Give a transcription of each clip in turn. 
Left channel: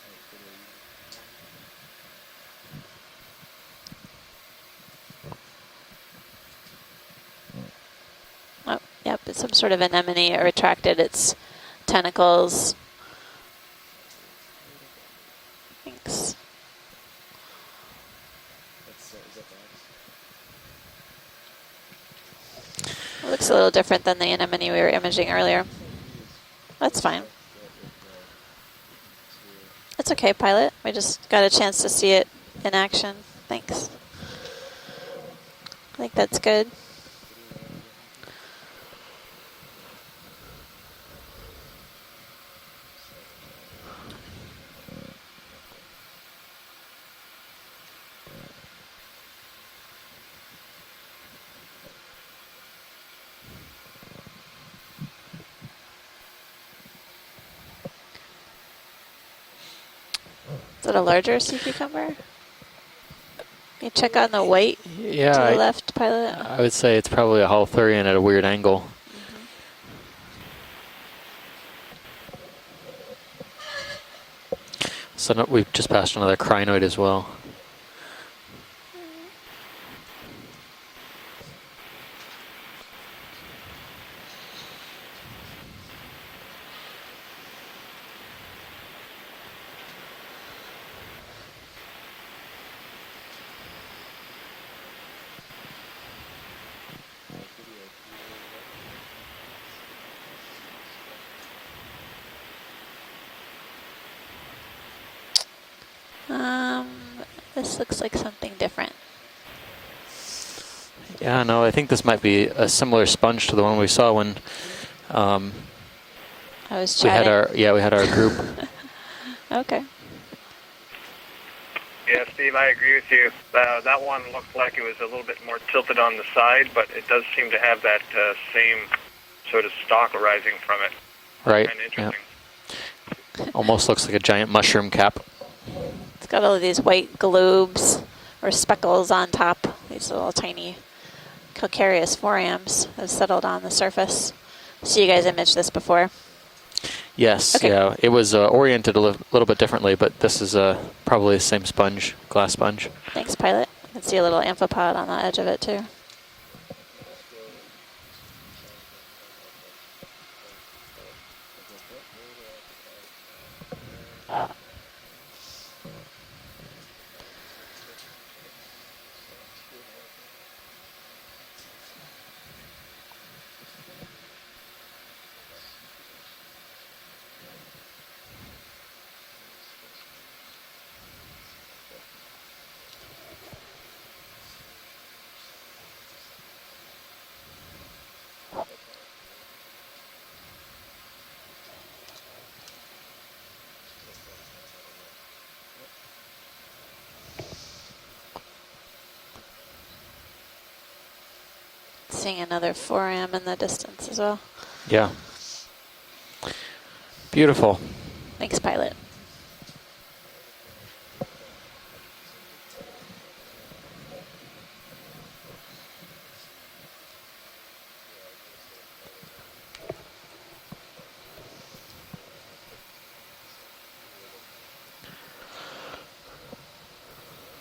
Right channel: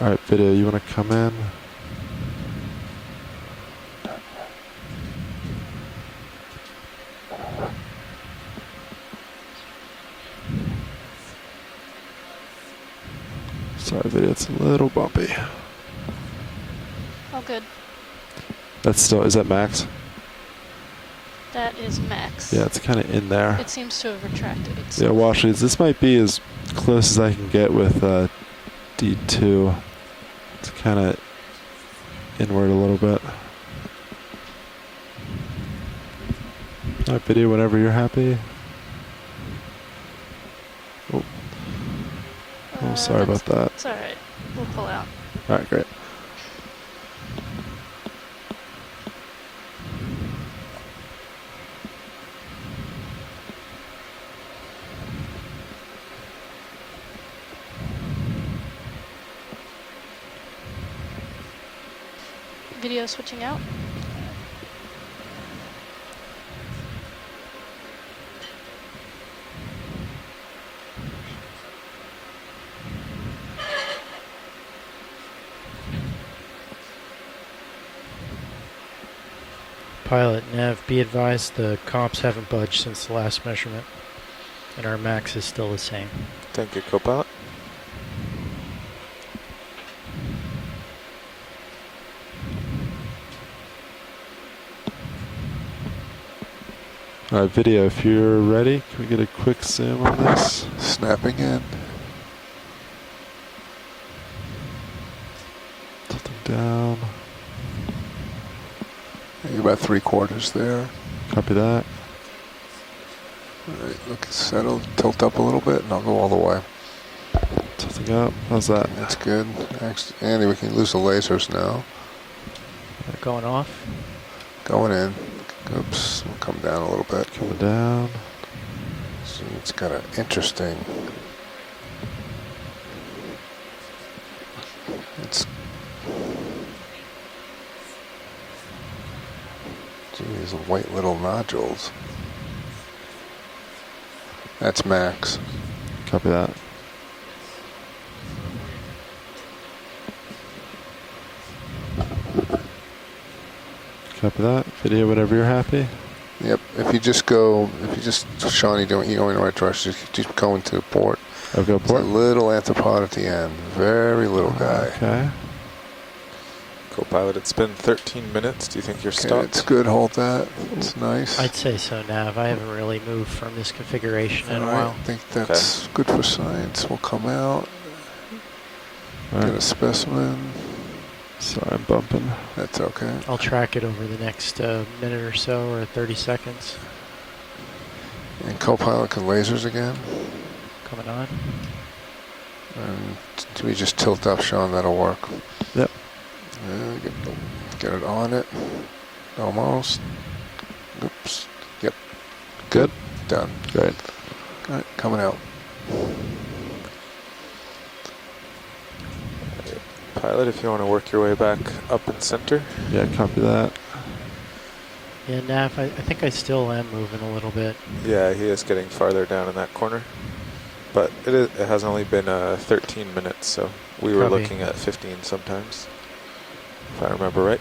All right, video, you want to come in? Oh, yep, it's some sort of anemone. It retracted its tentacles. Sorry, video, it's a little bumpy. Thanks. Oh, good. That's still, is that max? That is max. Yeah, it's kind of in there. It's a little Seems different to than the have anemone we were Yeah, imaging Washington, earlier. this might be as close as fine. I can get with D2. It's okay, pilot. I Kinda just got a chance to see it Inward in a little action. bit. Thanks. I think that's good. All right, video, whenever you're happy. Oh, sorry about that. It's all right. We'll pull out. All right, great. Is it a larger sea cucumber? Video switching out. You check on the white Yeah, to the left, pilot. I would say it's probably a Holothurian at a weird angle. So no, we've just passed another crinoid as well. Pilot, Nav, be advised the comps haven't budged since the last measurement, and our max is still the same. Thank you, co-pilot. All right, video, if you're ready, can we get a quick zoom on this? Snapping in. Tilting down. This looks like something different. You're about 3/4 there. Yeah, no, I think this might be a similar sponge to the one we saw when Settle, tilt up a little bit, and I'll go all the way. I was we had chatting. we had our group. How's that? That's good. Okay. Next, Andy, we can lose the lasers now. Yeah, Steve, I agree with you. Going on. That one looked like Going it was in. a little bit more tilted on the side, Down a but little it does bit. seem to Down. have that same sort It's of kinda stalk rising interesting. from it. Right. Kinda Yeah. interesting. Almost looks like a giant mushroom cap. It's got all of these white globes or speckles on top. These little Those tiny white little nodules. calcareous forams have settled on the surface. That's max. So you guys imaged this before. Copy that. Yes, Okay. yeah. It was oriented a little bit differently, but this is probably the same sponge, glass sponge. Thanks, pilot. Let's see a little Copy that. amphipod Video, on the whenever edge you're of it happy. too. Yep. If you just, Sean, you're going in the right direction. Just going to port. Okay, It's a port. little anthropod at the end. Very little guy. Okay. Co-pilot, it's been 13 minutes. Do you think you're Okay, stopped? it's good. Hold that. It's nice. I'd say so, Nav. I haven't really moved from this configuration in a All right, while. I think that's good for science. We'll come out, All get a right. specimen. Sorry, I'm bumping. That's okay. I'll track it over the next minute or so, or 30 seconds. And co-pilot can lasers again. Coming on. And we just tilt up, Sean. That'll work. Yep. Get it on it. Almost. Oops. Yep. Seeing another Good. foram Done. in the distance as well. All right, Yeah. Coming out. Beautiful. Thanks, pilot. Pilot, if you want to work your way back up and center. Yeah, copy that. Yeah, Nav, I think I still am moving a little bit. Yeah, he is getting farther down in that corner. But it has only been 13 minutes, so we were Copy. looking at 15 sometimes, if I remember right.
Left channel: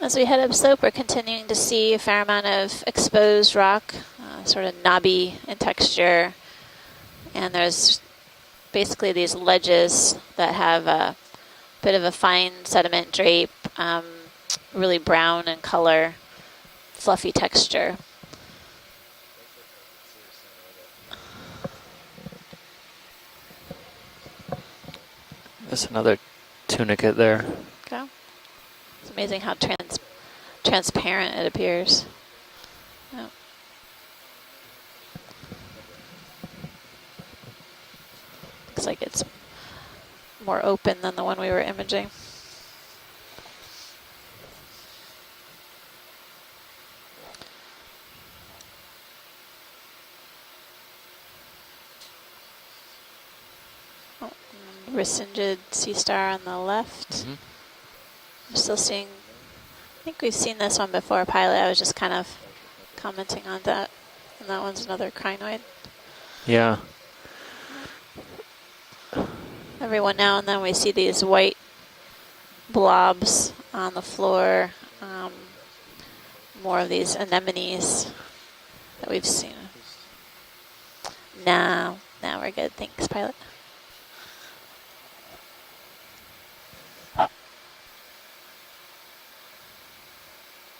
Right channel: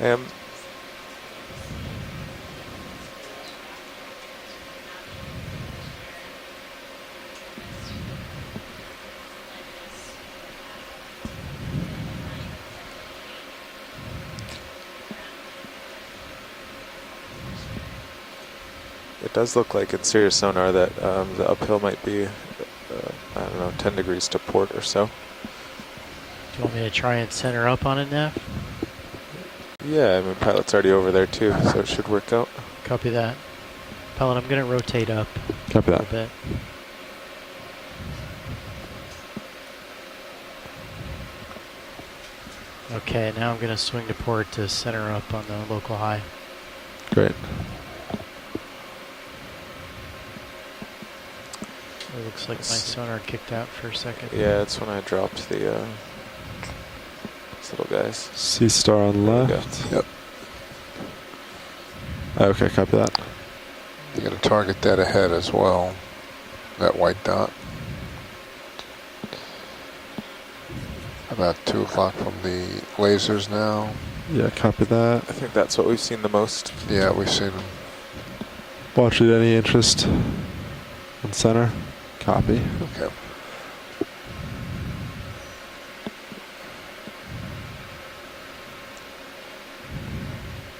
As we head up slope, we're continuing to see a fair amount of exposed rock, sort of knobby in texture. And there's basically these ledges that have a bit of a fine sediment drape, really brown in color, fluffy texture. It does look like in Sirius sonar that the uphill might be, I don't know, 10 degrees to port or so. There's another Do you want me to tunica try there. and center up on it, Nav? It's amazing how Yeah, I mean, pilot's already over there transparent too, it so it appears. should work out. Copy that. Pellet, I'm going to rotate up Copy a that. little bit. Looks like it's more open than the one we were imaging. Okay, now I'm going to swing to port to center up on the local high. Great. It looks like my sonar kicked out for a second. Yeah, it's when I dropped Rescinded the sea star on the left. these little guys. Sea star on There we go. left. I think we've seen this one before, Pilot. I was just kind of Okay, copy that. commenting on that. You got to target that ahead as well. Yeah. That white dot. Every now and then we see these white About 2 o'clock from the blobs lasers now. on the floor. Yeah, copy that. I think that's what we've seen the most. More of Yeah, these we've seen them. anemones. Watch with any interest in center. Now we're Copy. good. Thanks, Pilot.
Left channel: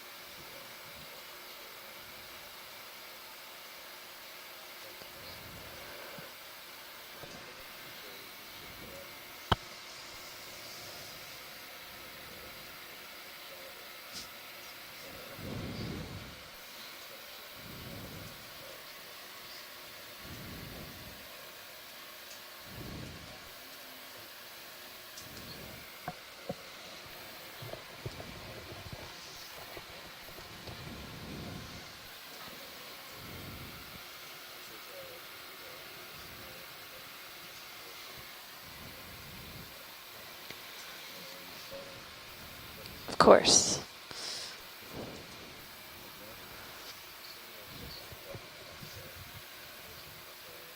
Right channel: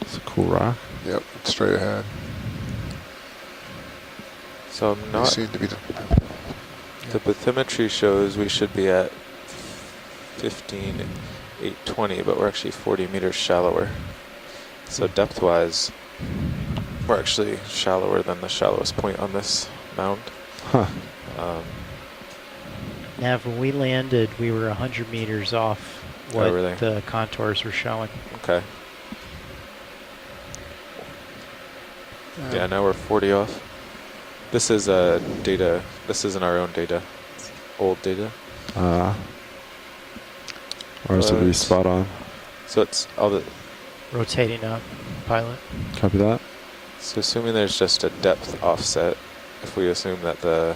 It's a cool rock. Yep, straight ahead. So I'm You not. seem to be The bathymetry shows we should be at 15,820, but we're actually 40 meters shallower. So depth-wise, we're actually shallower than the shallowest point on this mound. Huh. Nav, when we landed, we were 100 meters off what really? the contours were showing. Okay. Yeah, now we're 40 off. This is data. This isn't our own data. It's old data. Ours would be But- spot on. So it's Of course. Rotating up, Pilot. Copy that. So assuming there's just a depth offset, if we assume that the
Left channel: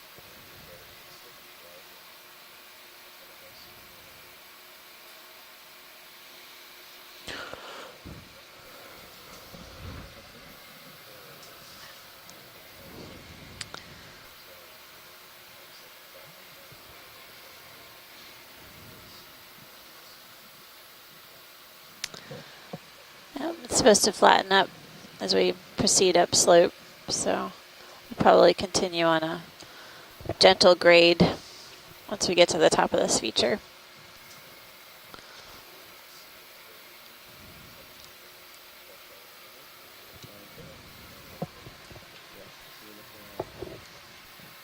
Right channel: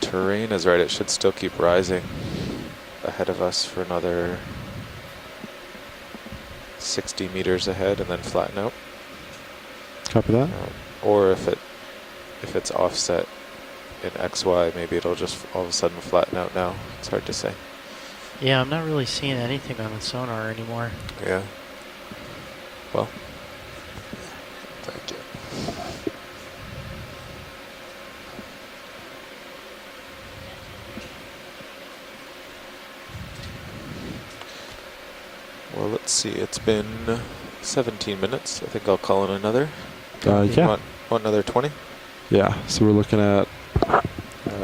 terrain is right, it should still keep rising ahead of us for another 60 meters ahead and then flatten out. Copy that. Or if it's offset in XY, maybe it'll just all of a sudden flatten out now. It's hard to say. Yeah, I'm not really seeing anything on the sonar anymore. Yeah. Well, Yeah, it's supposed to flatten up as we proceed up slope, so probably continue on a gentle grade once we get to the top of this feature. well, let's see. It's been 17 minutes. I think I'll call in another. Yeah. Want another 20? Yeah. So we're looking at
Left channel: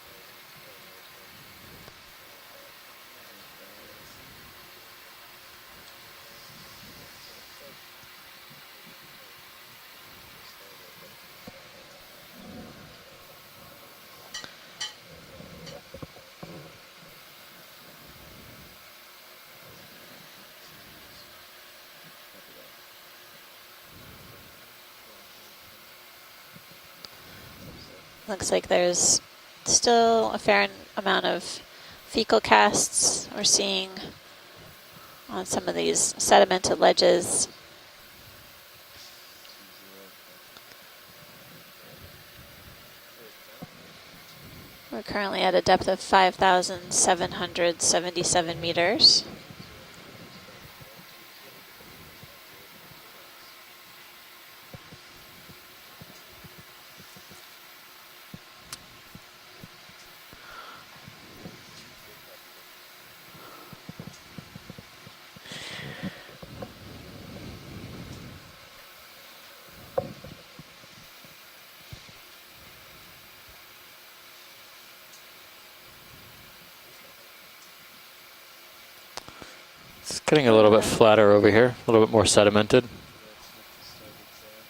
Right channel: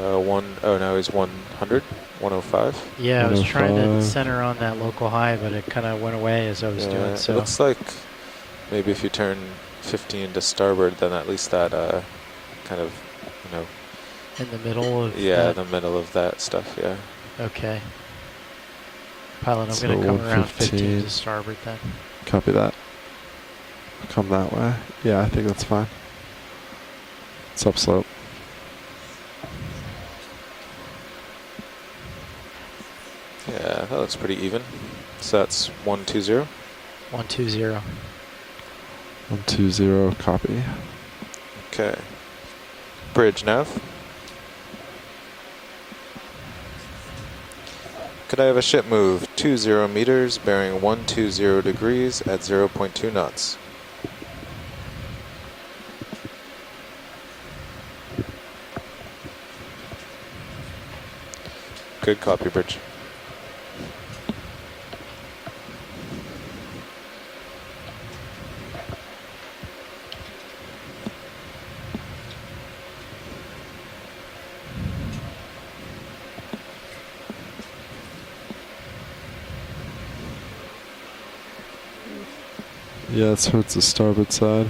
Now he's 100, 105. Yeah, I was trying to 105. center on that local high, but it kind of went away as I was doing It so. looks like maybe if you turn 15 to starboard, then at least that kind of, In the middle of yeah, that. the middle of that stuff, yeah. Okay. Pilot, I'm So going to come around 15 115. to starboard then. Copy that. Come that way. Yeah, I think that's fine. It's upslope. Looks like there's still a fair amount of fecal casts we're Yeah, seeing. that looks pretty even. So that's Some of these 120. sedimented ledges. 120. 120. Copy. Okay. Bridge nav. We're currently at a depth of 5,777 Could I have a meters. ship move 20 meters, bearing 120 degrees at 0.2 knots? Good copy, Bridge. It's getting a little bit flatter over here, a little bit more sedimented. Yeah, it's towards the starboard side.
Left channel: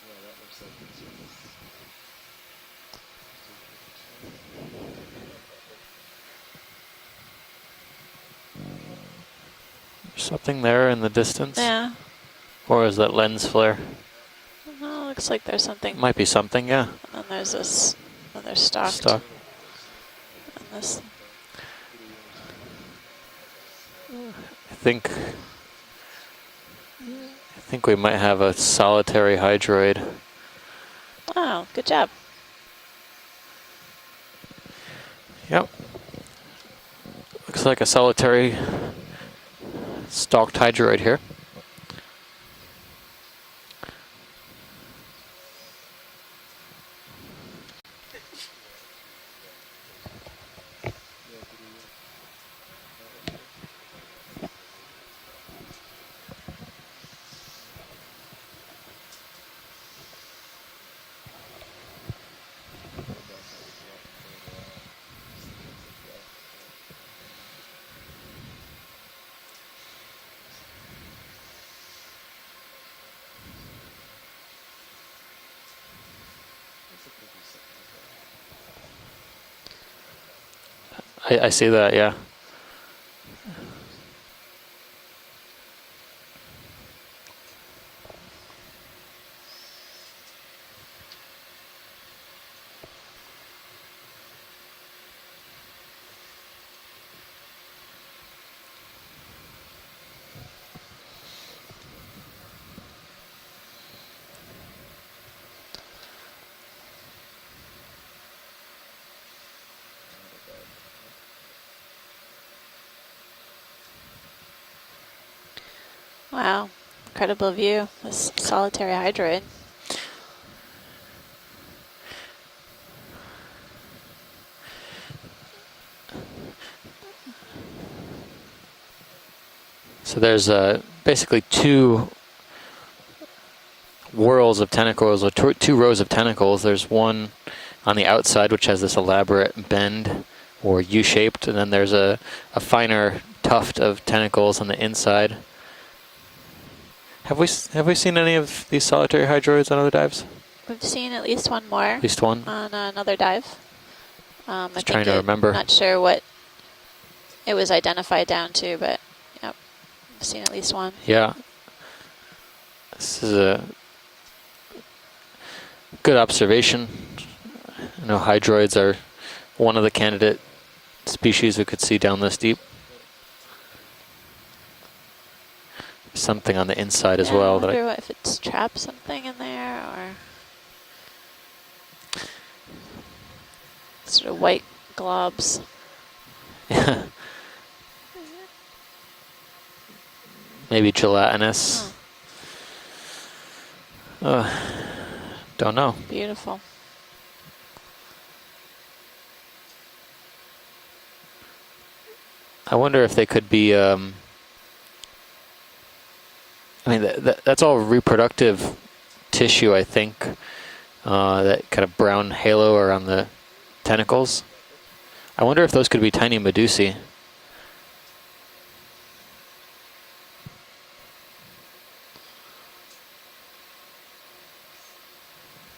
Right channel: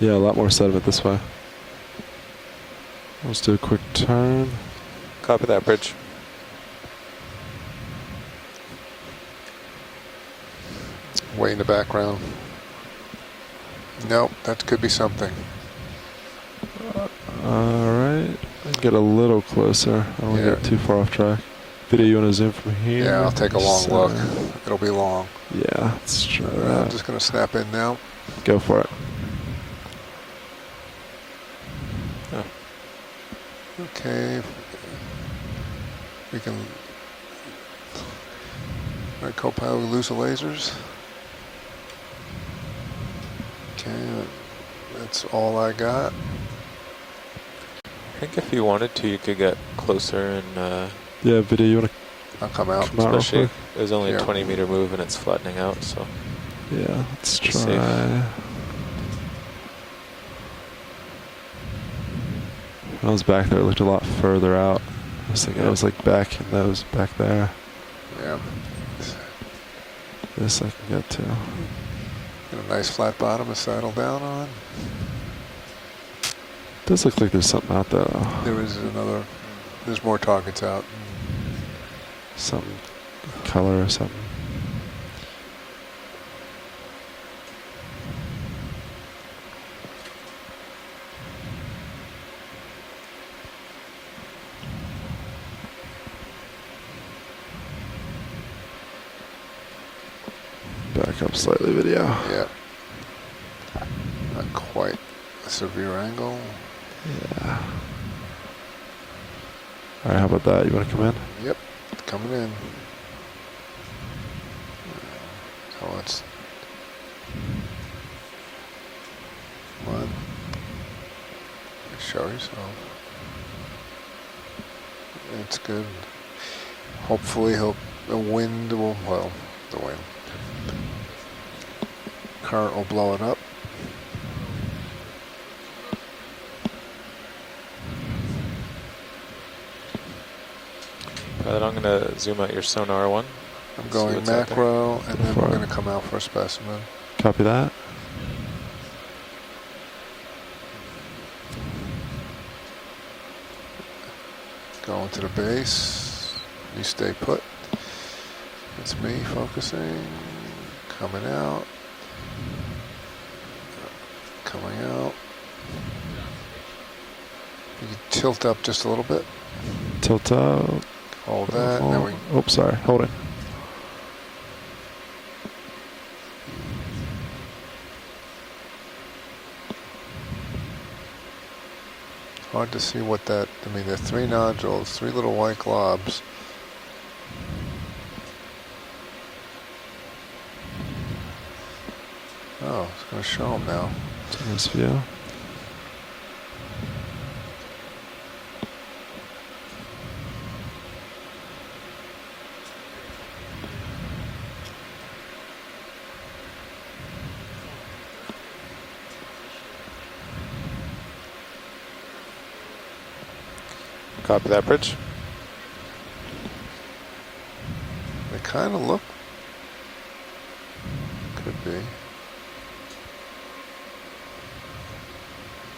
Yeah, a lot more sediment this way. Let's do a quick turn. Copy that, Bridge. Something there in the way in distance. the Yeah. background. Or is that lens flare? Nope, that could be Looks something. like there's something. Might be something, yeah. And there's this Alright. another Let's stop. get a Stop. little closer. I don't want to Yeah. get too far off track. Video, you want to zoom from here? Yeah, I'll take a long So, look. It'll be Think- long. Yeah, let's try I'm that. just going to snap in I think now. we might have Go a for it. solitary hydroid. Oh, good job. Okay. Yep. We can, Looks like a solitary right, co-pilot, we lose the lasers. stalked hydroid here. Okay, that's all I got. I think if you wanted to, you could get closer and Yeah, video, you want to I'll come out. Come out real Especially, quick. there's only Yeah. a 20-meter move and it's flattening out, so. Yeah, let's Be try. safe. When I was back there, it looked a lot further out. I was thinking I was like back in those back there. Yeah. This I can get to. Got a nice flat bottom to saddle down on. Does look like there's something out there though. There is another, there's more targets out. I see that, yeah. Some color or something. Back up slightly, video. Yeah. Not quite a severe angle. Yeah. All right, how about that? You want to come in? Yep, coming in. So it's Wow, incredible view. This solitary hydroid. fun. Show yourself. It's good. Hopefully the wind will, well, the wind. So there's basically two Current will blow it up. whorls of tentacles, or two rows of tentacles. There's one on the outside which has this elaborate bend or U-shaped, and then there's a finer tuft of Going tentacles on the macro, inside. and we're going to come out for a specimen. Copy that. Have we seen any of these solitary hydroids on other dives? We've seen at least one more At least one? on another dive. I Just think trying to it- remember. I'm not sure what You stay put. it was identified down to, but It's me focusing. I've seen at least one. Coming Yeah. out. This is a Coming out. good observation. No, Tilt up hydroids just a are little bit. one of the Tilt candidate out. species we Hold could that. see down this Oops, deep. sorry. Hold it. Something on the inside as Yeah, well. I That wonder if it's trapped something in there, or Hard to see what that, I mean, there are three Sort of white nodules, three little white globs. Maybe gelatinous. Oh, it's going to show them now. Nice view. Don't know. beautiful. I wonder if they could be. I mean, that's all reproductive tissue, I think. That kind of brown halo around the tentacles. Copy that, Bridge. I wonder if those could be tiny medusae. They kind of look, could be.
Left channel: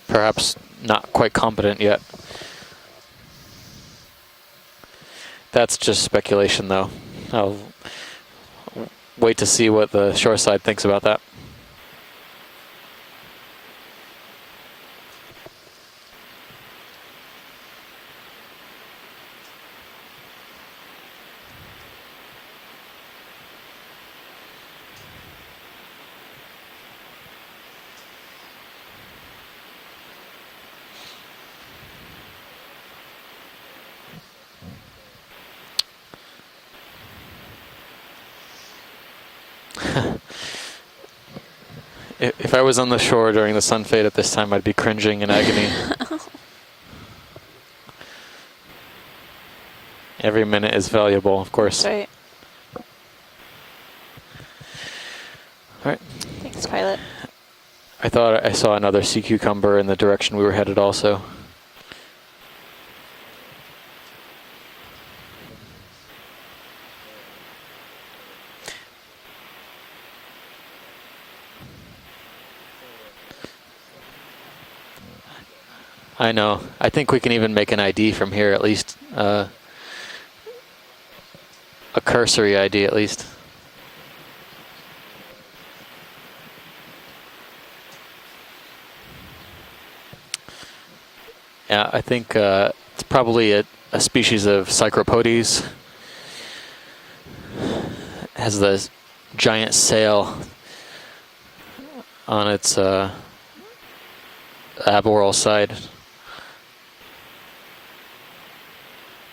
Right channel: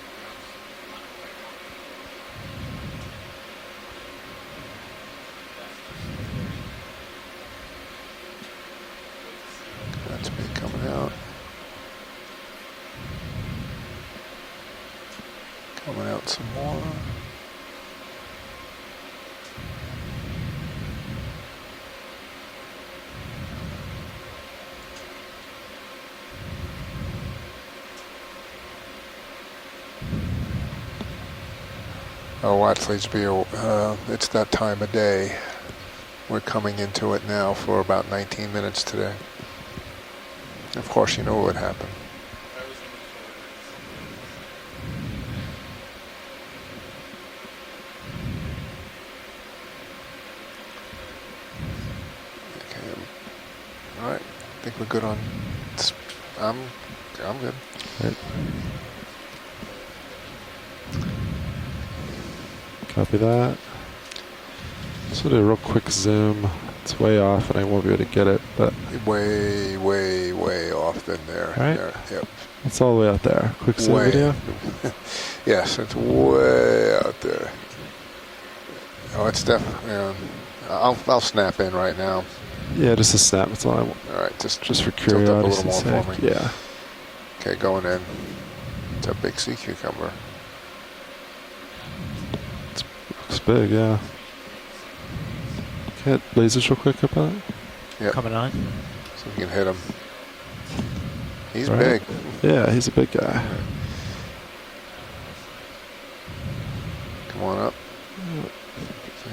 Perhaps not quite competent yet. That's just speculation, though. I'll wait to see what the shore side thinks about that. Coming out some more. Oh, Watfleysby, it's that time of day. We're coming into it now for about 19 minutes today. Of course, you know what would happen. If I was on the shore during the sun fade at this time, I'd be cringing in agony. Every minute is valuable, of course. That's right. Okay. All right. I think we're good on. All right. Let's pilot. I'm good. I thought I saw another sea cucumber in the direction we were headed also. Copy that. Just do a real quick zoom. It's way off and I won't be able to get it, but Way, way, way off than there. All right. There. Yep. it's all the way out there. Quick zoom Way. video. Yes, it's way I know. I think we out can there. even make an ID from here, at least Oh, it's definitely. I'll snap in right a now. cursory ID Yeah, at this least. is snap. That's all I want. All right, just Just for tilt up a little curiosity's more sake. for me. Yeah. Okay, going in. It's a big sea cucumber. Yeah, I think it's probably big, yeah. a species of Psychropodes. Get lasers real quick up on it. Yep. Coming on. Has the So you hit giant him. sail He's All big. right. on Yeah, its he's a big guy. aboral side. Come on up.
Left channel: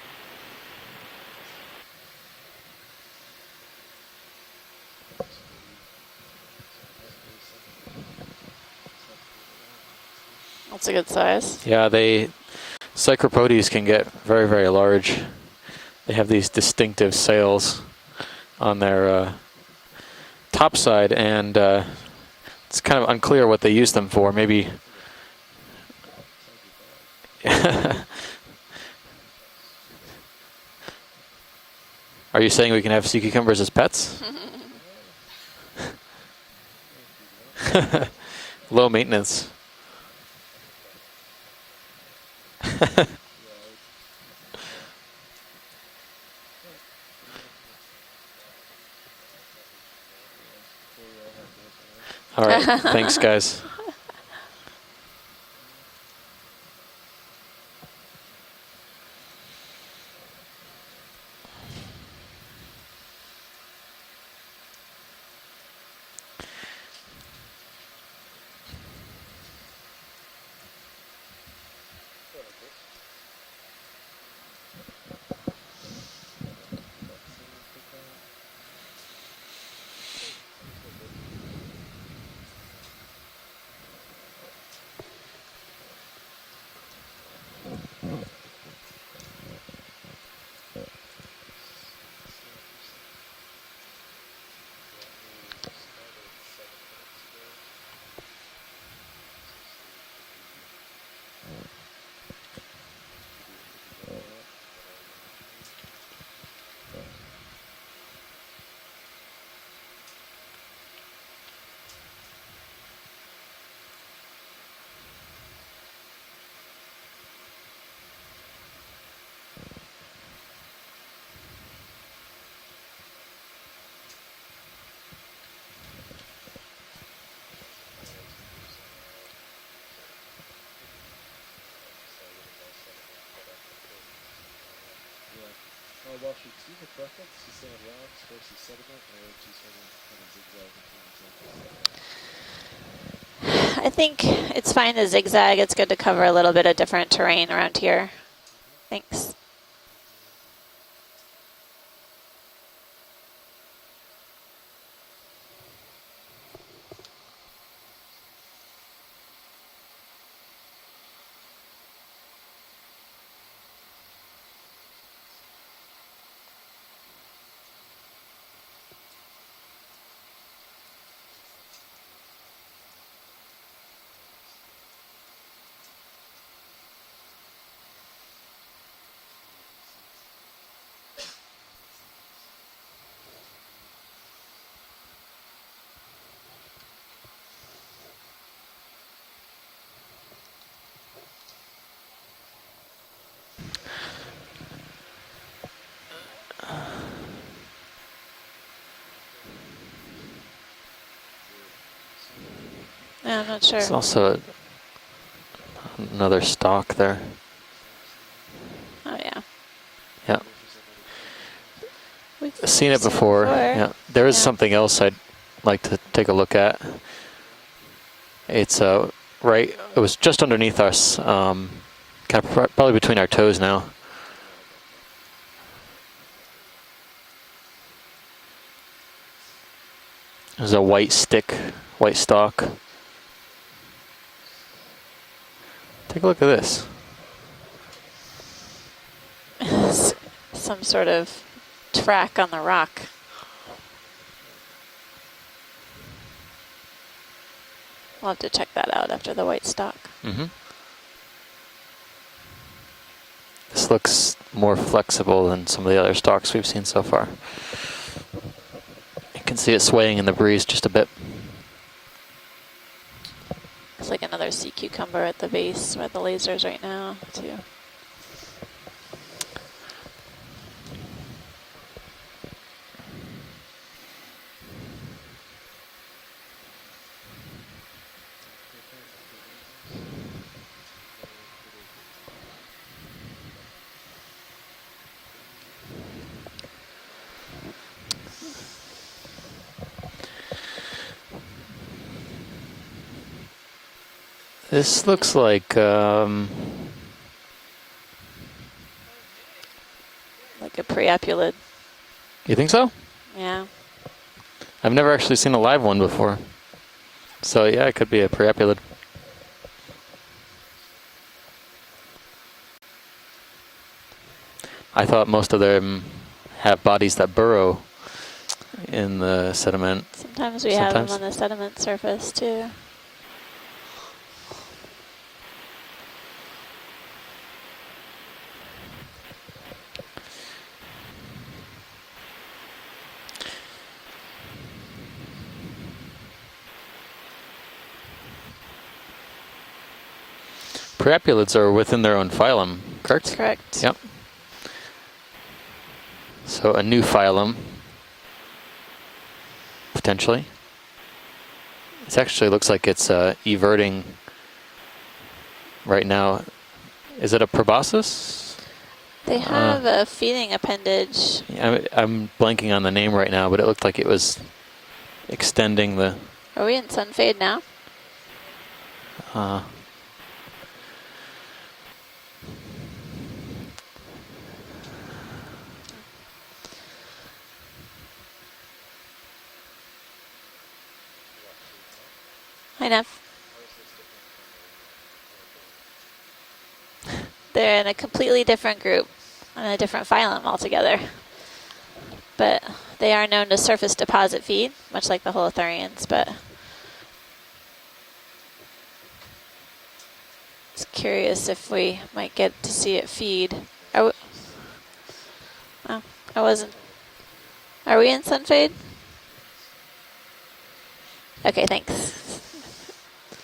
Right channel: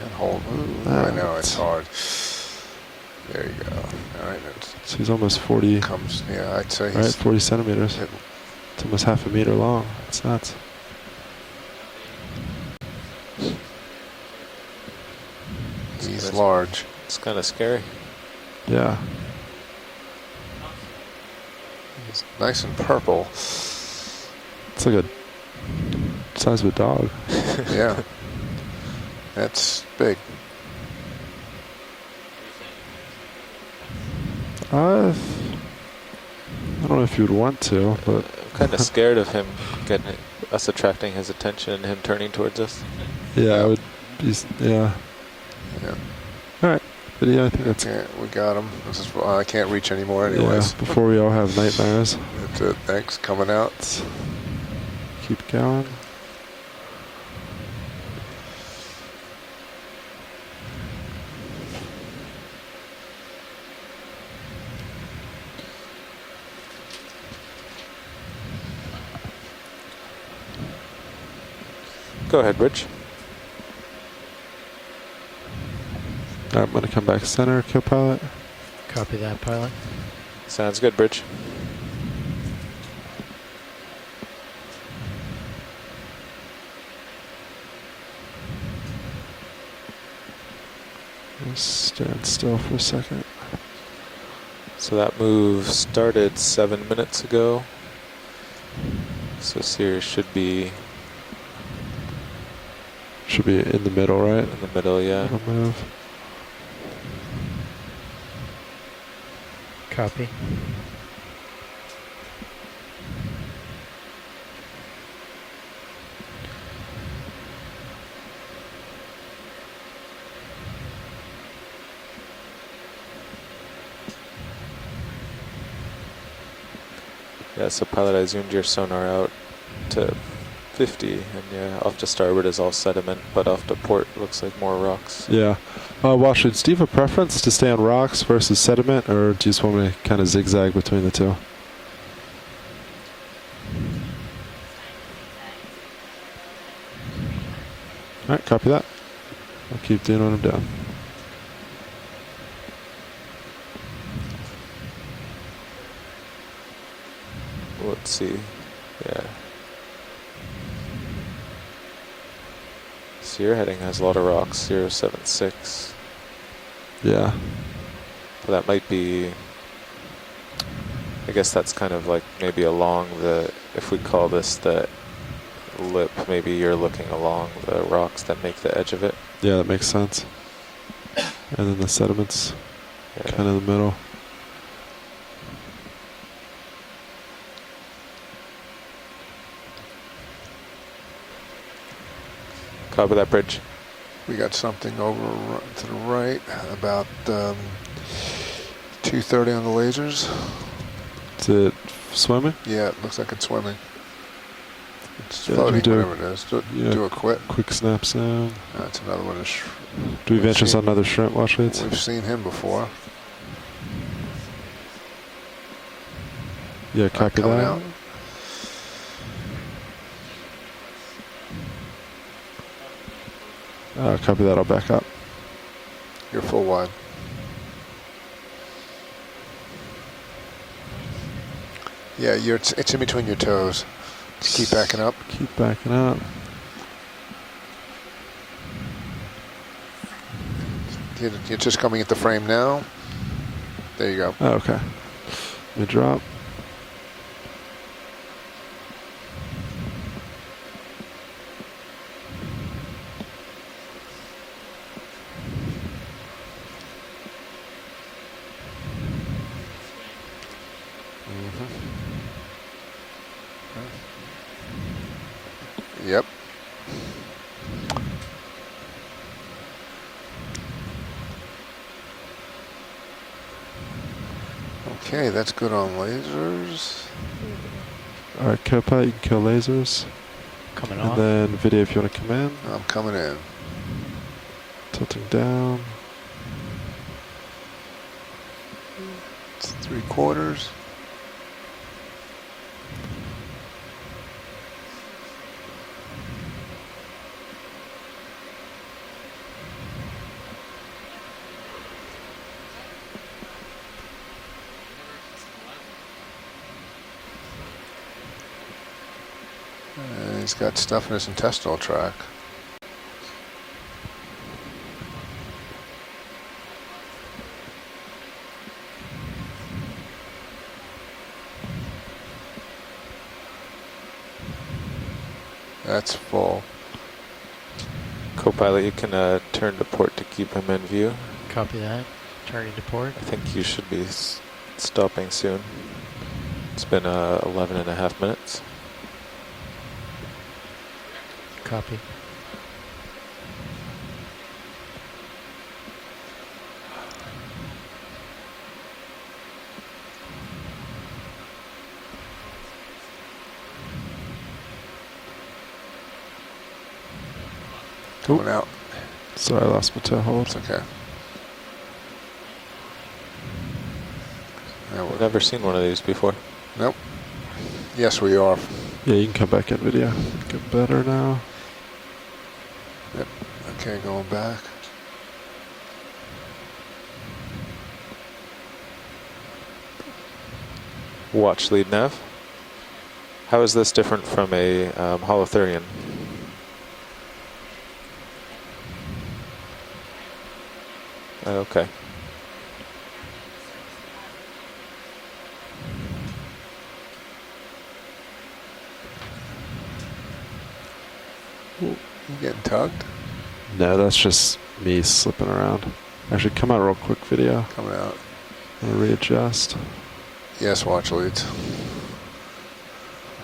And hold. Ooh, Ah, I know it's hard. There you go. All right, So he's almost 40, it comes. Yeah, I'd say right? he's 40 centimeters. Yep. It's almost half a meter long. It's nuts. That's a good size. Yeah, Psychropodes can get very, very large. They have these large. distinctive It's kinda sails scary. on Yeah. their top side, and It's nice and it's kind of purple. unclear what they use them for. Maybe It's like a size of a dog. Yeah. That's big. Are you saying we can have sea cucumbers as pets? I don't know if you'd want to, but Kind Low of scared of maintenance. him getting us attracting his attention and him turning towards us. yeah, I would. Yeah. Yeah. All right, but yeah, I think that's Yeah, we got him. This is, I can't reach anymore yeah. anyways. Before we all have nightmares, All right, thanks, guys. Coming out. keep going. Go ahead, Rich. All right, I'm gonna come back center, co-pilot. Copy that, pilot. Sounds good, Bridge. Just stand still for a second. So that move started 7 minutes ago. So Sirius should be Should be in the middle, right? in the middle, yeah. Middle move. Copy. Yeah, so pilot, I zoomed your sonar out to 50, and yeah, off to starboard is all sediment, but off to port looks like more rocks. Yeah. Well, should Steve have a preference to stay on rocks versus sediment, or do you just want me to kind of zigzag between the two? I think it's fine to zigzag. It's good to cover a little bit of different terrain around here. All right, copy that. Thanks. I'll keep doing what I'm doing. Let's see. Yeah. So your heading has a lot of rocks, 076. Yeah. So that might be, I guess that's kind of like maybe along the, if we call this the lip, maybe you're looking along the rocks that make the edge of it. Yeah, that makes sense. And then the sediment's Yeah. kind of the middle. Copy that, Bridge. We got something over to the right, about 230 on the lasers. Is it swimming? Yeah, it looks like I'm it's not swimming. sure. It's also It's Yeah, floating, you do whatever it another is. stock You do there. a quit. Quick snap sound. That's another one. Do you have interest on another shrimp watch leads? We've seen him before. I've seen it before. Before. Yeah, there is Yeah. something else I'd like to take a look at. Yeah, copy coming that. out. It's right. It was just underneath us, kind of probably between our toes now. Copy that. I'll back up. You're full wide. There's a white stick, white Yeah, stalk. it's in between your toes. Just keep backing up. Keep backing up. Take a look at this. Some sort of You're just coming into the track frame on the now. rock. There you go. Oh, okay. Let me drop. We'll have to check that out after the white stock. Mm-hmm. This looks more flexible than some of the other stalks we've seen so far. You can see it swaying in the breeze just a bit. It's like another sea cucumber at the base with Yep. the lasers right now, too. Okay, that's good on lasers. All right, co-pilot, you can kill lasers. Coming And off. then video if you want to come in. I'm coming in. Tilting down. It's 3/4. This looks like Like a preopulid. you think so? Yeah. I've never actually seen a live one before. So yeah, it could be a preopulid. He's got stuff in his intestinal tract. I thought most of them have bodies that burrow in the sediment. Sometimes we have them Sometimes. on the sediment surface too. That's full. Co-pilot, you can turn to port to keep him in view. Copy that. Turning to port. I think you should be stopping soon. It's been 11.5 minutes. Priapulids are within their own phylum, correct? Correct. Yep. So a new phylum, potentially. It actually looks like it's everting right now. Is it a proboscis? Going out. They Sorry, have lost my a toe feeding holes. appendage. I'm blanking on the name right now, but it looked like it was Yeah, We've never seen one of extending these the- before. Are we in Nope. sun fade now? yes, we are. Yeah, you can come back in video. Get better now. Okay, going back. Watch lead nav. Hi, Nev. How is this different from a holothurian? They're in a completely different group and a different phylum altogether. Okay. But they are known to surface deposit feed, much like the holothurians, but it's curious if we might get Get to see tugged. it feed. No, Are that's just me slipping around. Oh. Actually, was- come out real quick video. Coming Are we out. in sun fade? I'll readjust. Yes, watch leads. Okay, thanks.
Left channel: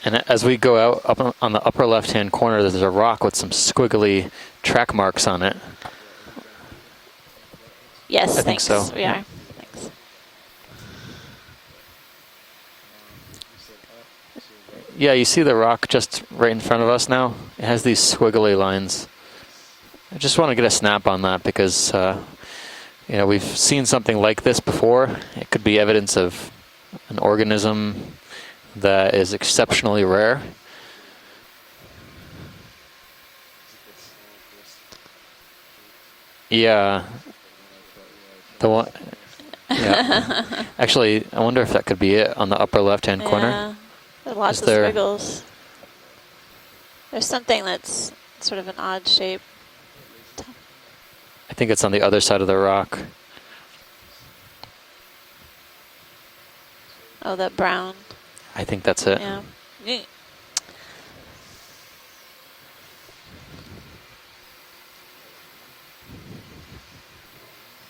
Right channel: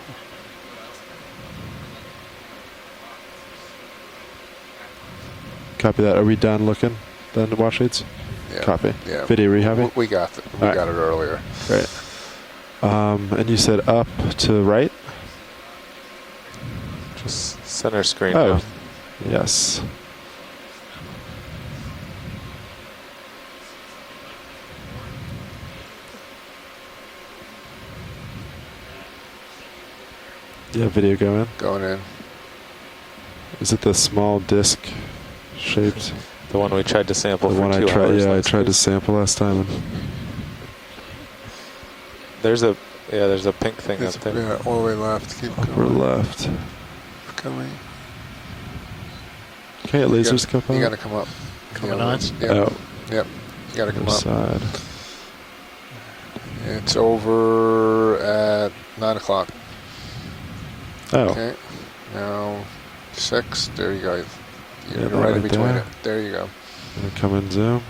And as we go out up on the upper left-hand corner, there's a rock with some squiggly track marks on it. Copy that. Are we done looking? Done to watch leads? Yes, I think thanks. so. We are. Yeah. Video rehabbing? We got All right. it earlier. Great. And you said up to right? Yeah, you see the rock just right in front of us now? It has these Center screen. squiggly Oh. lines. Yes. I just want to get a snap on that because, you know, we've seen something like this before. It could be evidence of an organism that is exceptionally rare. Yeah, video going. Going in. Is it the small disc shaped? The one we tried to sample The for one 2 I tried. hours. Yeah, I last tried The to one- sample last time. And Yeah. Actually, I wonder if that could be it on There's the a- upper left-hand yeah, corner. there's a pink thing up there. Watch the There. squiggles. Keep upper going. left. There's something that's sort of an odd shape. Okay, You lasers gotta- come You up. got to come up. I think it's on the Yeah. other side of the Yeah. rock. Yep. You got to come Other up. side. It's over brown. at I think that's 9 it. o'clock. Oh, Okay. Now 6. There you go. Yeah, You're that right in right between there. it. There you go. gonna come in zoom.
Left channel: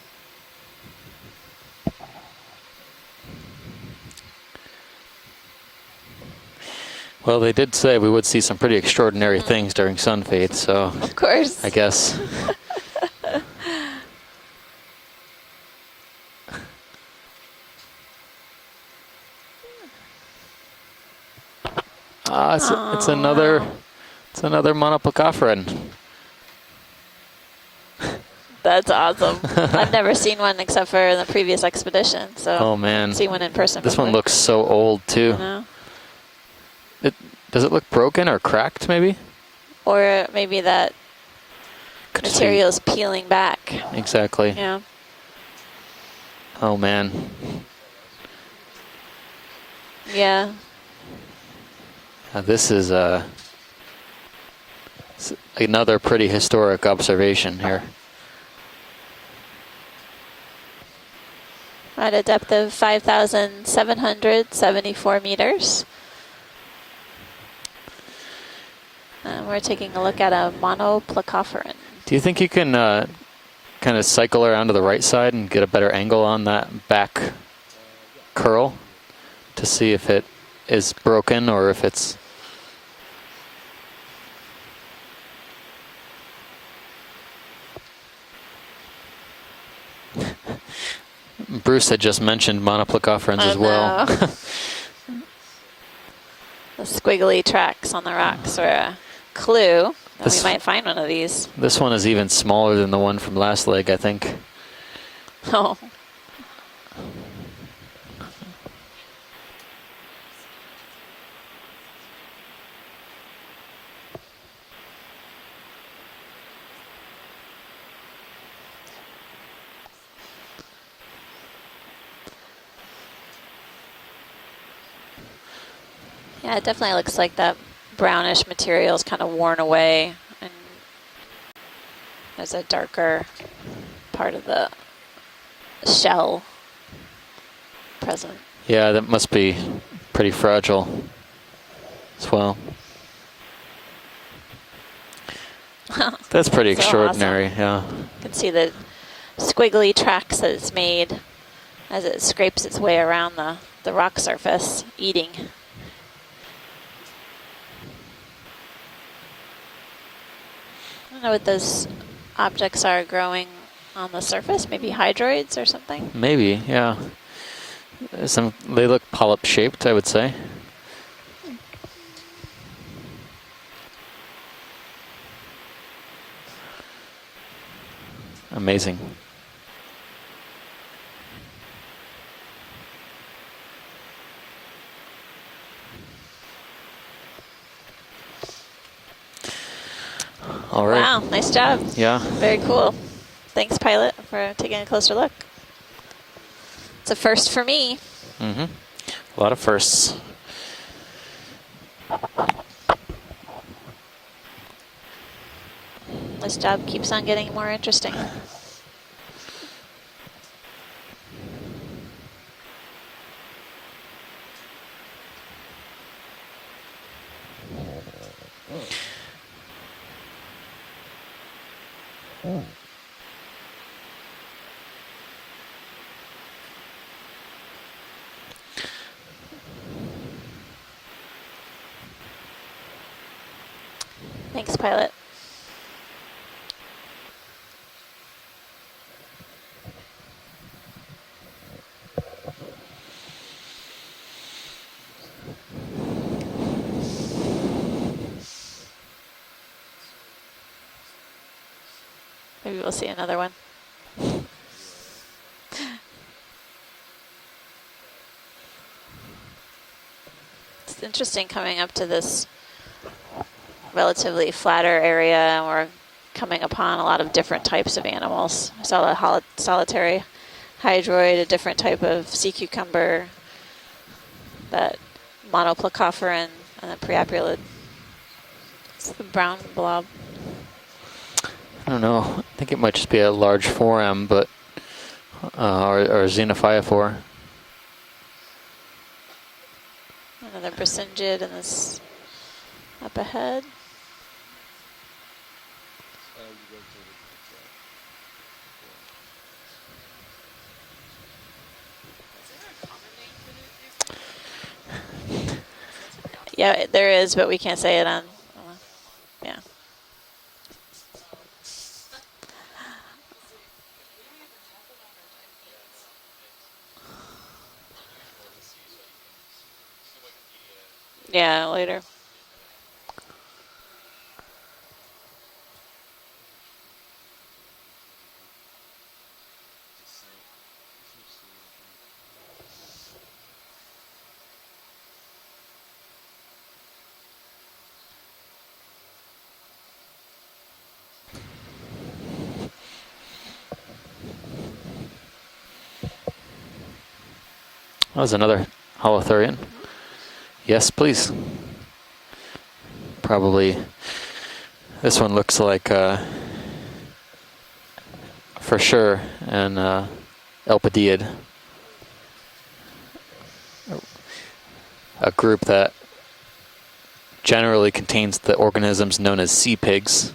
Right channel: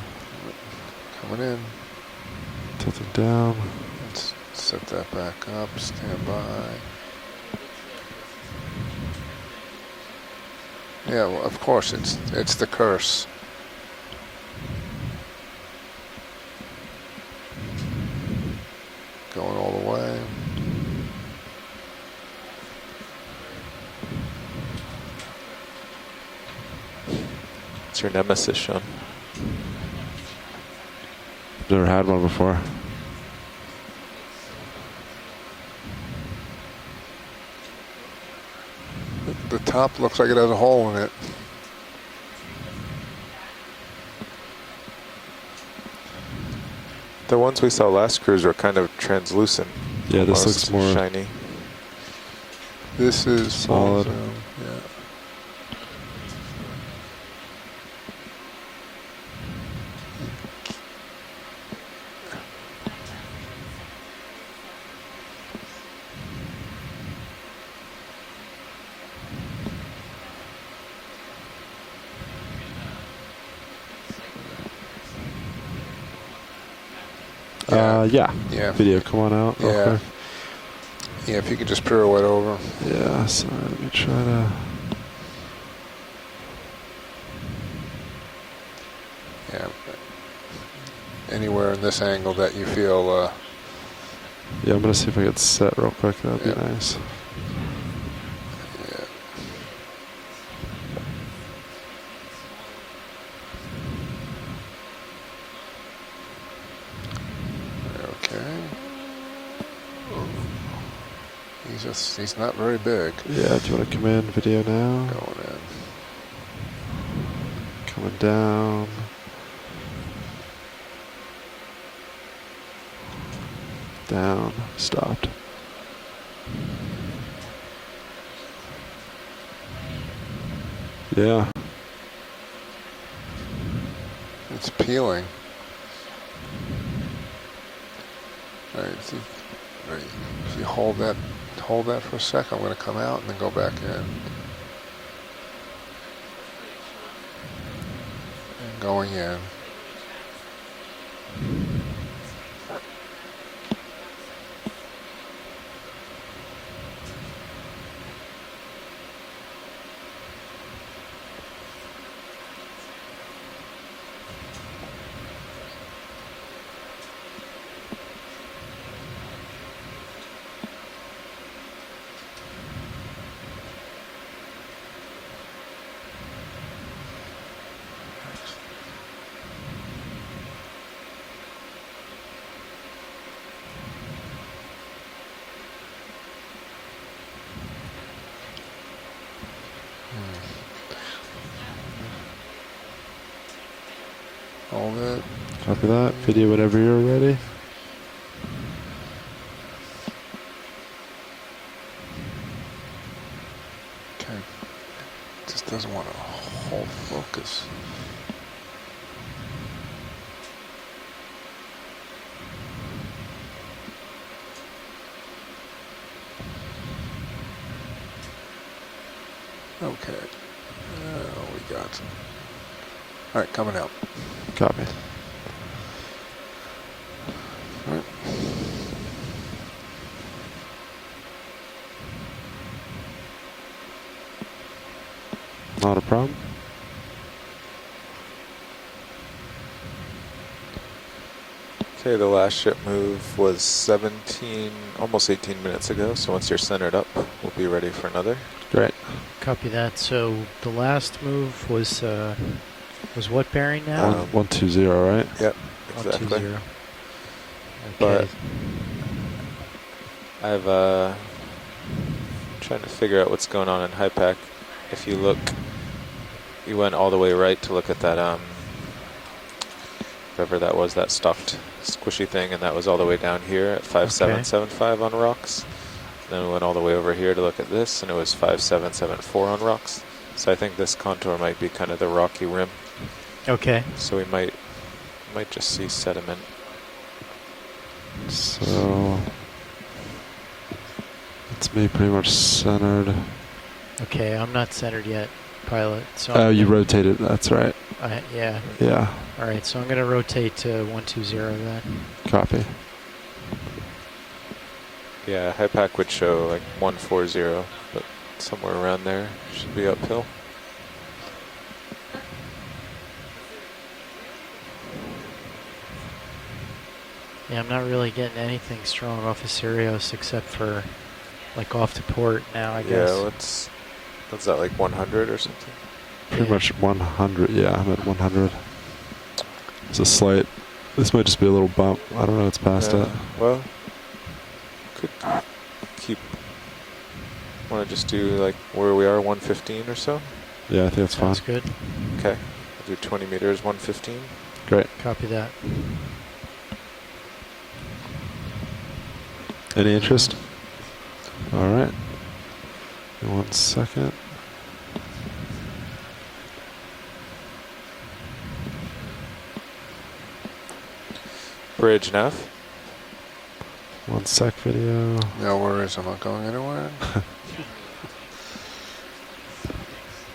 Coming in. Tilt it down. Let's set that back up. Stand by. Well, they did say we would see some pretty extraordinary things during sun fade, so Of Yeah, course. Of I course. guess. It's the curse. Going all the way. it's another monoplacophoryn. It's your nemesis. That's awesome. I've never seen one except for in the previous Never had one expedition. before. So Oh man, see one in person. this one hopefully. looks so old You too. know? Does it look broken or cracked maybe? The top Or looks like it has a maybe hole that- in it. Could see- Materials peeling back. Exactly. Yeah. Oh man. The ones we saw last cruise were kind of translucent. Yeah. This looks more shiny. This is This is solid. Yeah. another pretty historic observation here. At a depth of 5,774 meters. And we're taking a look at a monoplacophoryn. Do you think you can kind of cycle around to the right side and get a better angle on that back Yeah. curl Yeah. Video, come on out. to see if it is broken If you or could if just it's... pirouette over. Yeah, sorry, let me try to. Yeah. Anywhere. in Bruce this had just angle that mentioned you feel, monoplecophoryns I as well. know. Yeah, I'm gonna see if I get set real quick. That'd be Yeah. nice. Squiggly tracks on the rocks are a clue that This- we might find one of these. This one is even smaller than the one from last leg, I think. Oh, Okay. He's not very big. Yeah, do you want to come in video now? Going in. Coming down. Down. Stopped. yeah, it definitely looks like that brownish material is kind of worn away. And Yeah. there's a darker part of It's the peeling. shell present. Yeah, that must be pretty fragile. Hold that for a second. Well. I'm going to come out and then go back in. That's pretty So extraordinary, yeah. You can see the Going in. squiggly tracks that it's made as it scrapes its way around the rock surface, eating. I don't know what those objects are growing on the surface, maybe hydroids or something. Maybe, yeah. They look polyp shaped, I would say. Amazing. All right. Wow, nice job. Yeah. Very cool. Thanks, pilot, for taking a closer look. Copy that. Video whatever you're It's a ready. first for me. Mm-hmm. A lot of firsts. Okay. Just doesn't want to. This job keeps on getting more interesting. Okay. We got. All right, coming out. Copy. All right. Thanks, pilot. Not a problem. Okay, the last ship move was 17, almost 18 minutes ago. So once you're centered up, we'll be ready for another. Great. Copy that. So the last move was Maybe we'll see was another what one. bearing now? 120, right? Yep, 120. exactly. Okay. But I've It's interesting coming up to this trying to figure out what's going on in relatively flatter If you area, look- and we're coming you upon went a all lot the way of right different to look types at of that, animals. Solitary whatever that was, that hydroid, a stuffed different type of squishy sea thing, and that was all the way cucumber, down here at 5775 on rocks. And monoplacophoran, we went all the way over here to look priapulid, at this, and it was 5774 brown on rocks. blob. So I think this contour might be kind I of don't the know. rocky I rim. think it might just be a large Okay. So we foram, but might just see or sediment. xenophyophore. So Another bracingid and it's me this pretty much centered. the head. Okay, I'm not centered yet, pilot. So Oh, I'm you gonna- rotated. That's right. yeah. Yeah. All right, so I'm going to rotate to 120 then. Copy. Yeah, HIPAC would show like Yeah, there is, but we 140, can't say it on. somewhere around there. Yeah. Should be uphill. Yeah, I'm not really getting anything strong off of Sirius except for Yeah, like later. off the port now, I Yeah, guess. what's that, like 100 or something? Pretty Yeah. much 100. Yeah, I'm at 100. It's a slight. This might just be a little bump. I don't know. It's past Yeah, that. well, could keep. Want to just do like where we are, 115 or so? Yeah, I think that's fine. Sounds good. Okay, do 20 meters, 115. Great. Copy that. That was another holothurian. Any interest? Yes, please. All right. Probably. 1 second. This one looks like, for sure, an Elpidiid, Bridge nav. 1 sec video. a group no that worries, I'm not going anywhere. generally contains the organisms known as sea pigs.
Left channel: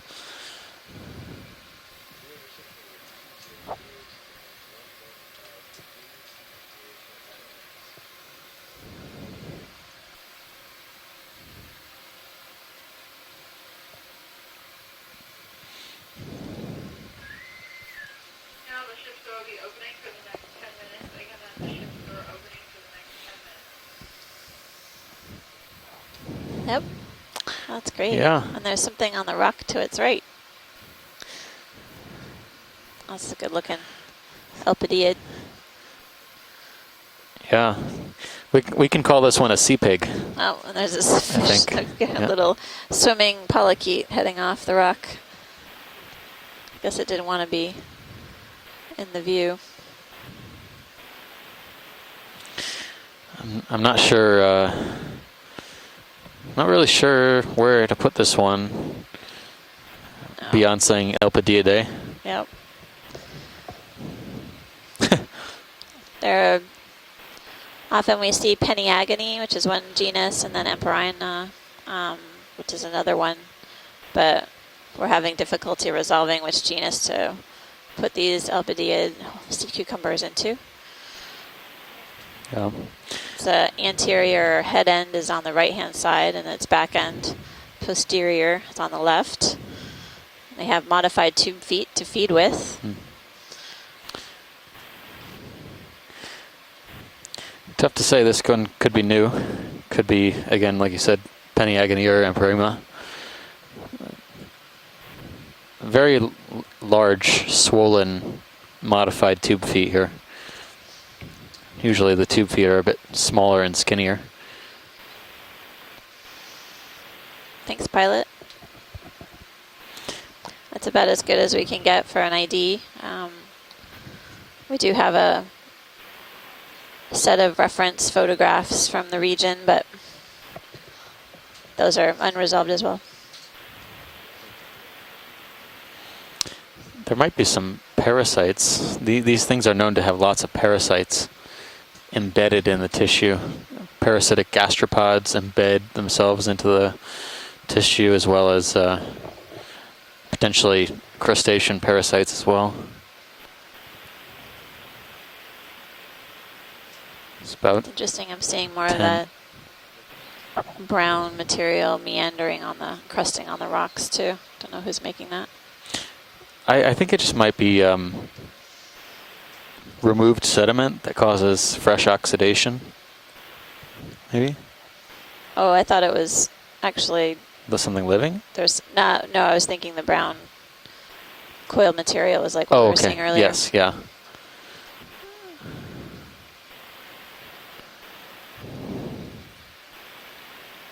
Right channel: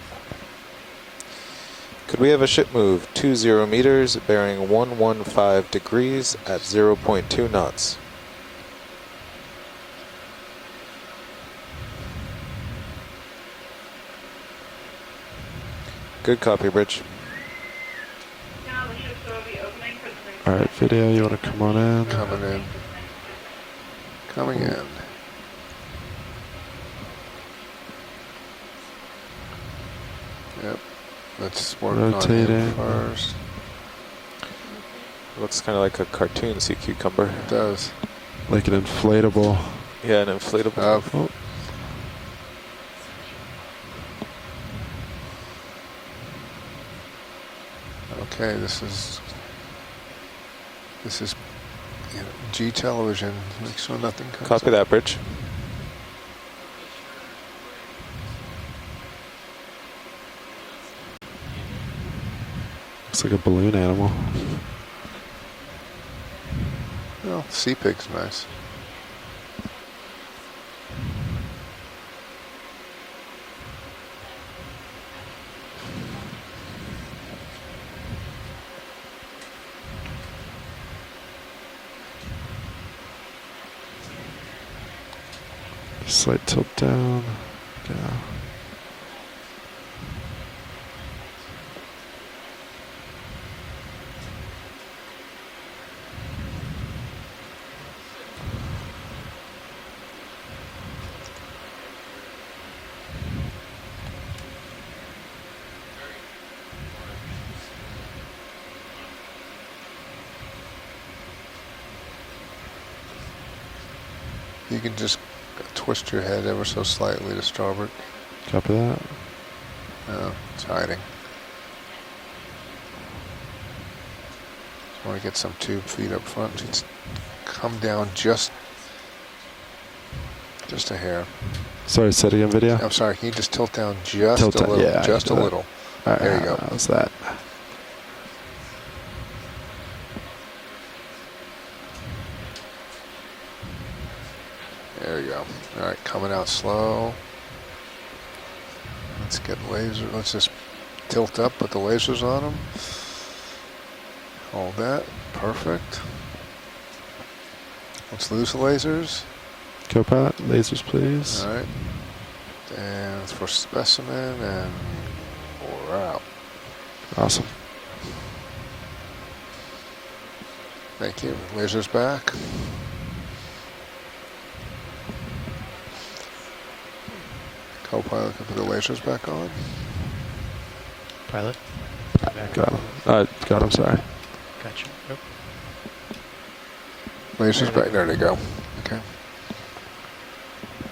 Could we have a ship move 20 meters, bearing 115 degrees at 0.2 knots? Good copy, Bridge. All right, video. You want to come on in? Coming in. Coming in. Yep. That's great. Yeah. And there's something on the rock to its right. Yep. Let's work on Rotating. him That's first. a good looking Elpidiid. Looks kind of like a cartoon sea cucumber. Yeah. Does. Like an We can call this one a inflatable- sea pig. Yeah, an Oh, and inflatable. there's this I fish, think. a Yeah. little swimming polychaete heading off the rock. Guess it didn't want to be Okay, this in is the view. G television. I'm not sure. Copy that, Bridge. Not really sure where to put this one No. beyond saying Elpidiidae. Yep. Looks like a balloon animal. There are Well, sea pigs. often we nice. see Peniagony, which is one genus, and then Emperina, which is another one. But we're having difficulty resolving which genus to put these Albidiid sea cucumbers into. Yeah. The anterior head end is on the right-hand side, Slight and its tilt back down. end posterior is on the left. They have modified tube feet to feed with. Tough to say. This one could be new. Could be, again, like you said, Peniagony or Emperima. Very large, swollen, modified tube feet here. Usually the tube feet are a bit smaller and skinnier. You can just twist your head ever so slightly to start Thanks, with. pilot. Copy that. It's Tiny. about as good as we can get for an ID. We do have Get a some tube feet up front. It's set of come reference down photographs from the region, but just a hair. those Sorry, are say it again, unresolved video? as I'm well. sorry, can you just tilt down just Tilt a down, little? yeah, I Just a can do that. little. All right, There you go. How's that? There might be some parasites. These things are known to have lots of parasites embedded in the tissue. Parasitic gastropods There you go. embed All right, coming themselves out into slow. the tissue, as well as Let's get laser. Let's just potentially tilt up with crustacean the lasers parasites on as them. well. Hold that. Perfect. It's about Interesting, Let's I'm lose seeing more lasers. of that Co-pilot, lasers, brown please. All right. material meandering on the And crusting for on the rocks too. specimen Don't know and- who's making that. We're out. I think it just Awesome. might be removed sediment that Thank you. causes Lasers fresh back. oxidation. Maybe? Oh, I thought it was actually, Was something Hold on, living? put the there's lasers not, back no, on. I was thinking the brown Pilot. coiled material was like Oh, we were okay. seeing earlier. Yes, God, I'm yeah. sorry. Gotcha. Yep. Lasers back. There they go. Okay.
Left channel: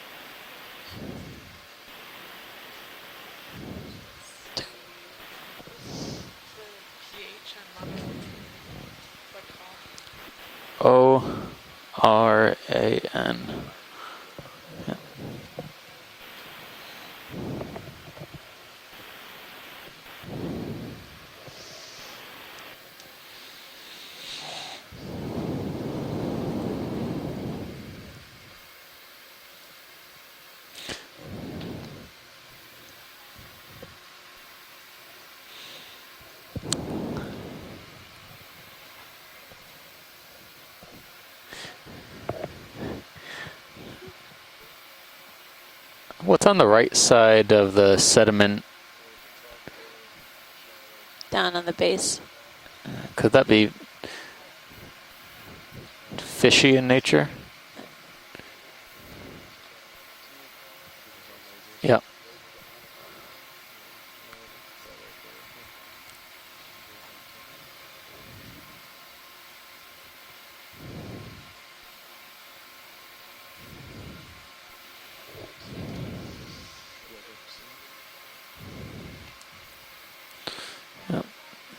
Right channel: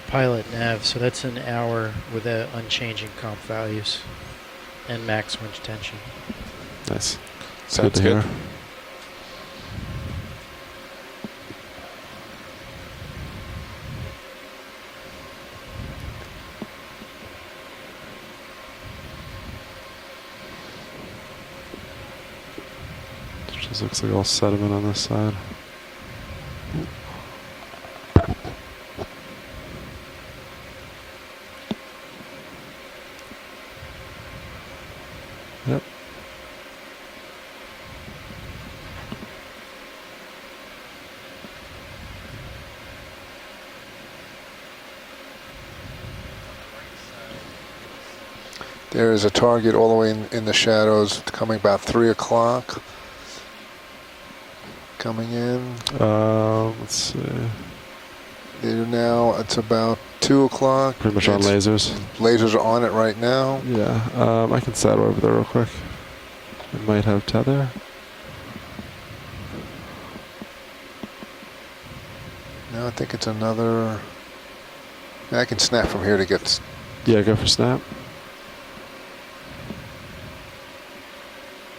Pilot nav, so that's an hour with unchanging comp values and max winch tension. Nice. It's Sounds to good. hear. ORAN. Just looks like all sediment on this side. Yep. What's on the right side of the sediment? There is a target all the way in the shadows, Down coming on the about 3 base. o'clock. Could that be Coming in. Fishy in let's nature? They do now. It's about 2 o'clock. see. Pretty much on It's- lasers. Yeah. Lasers are on it right now. Yeah. I can saddle over there real quick. It might have tether. No, I think it's another. I can snap from here to get. Yeah, go for snap.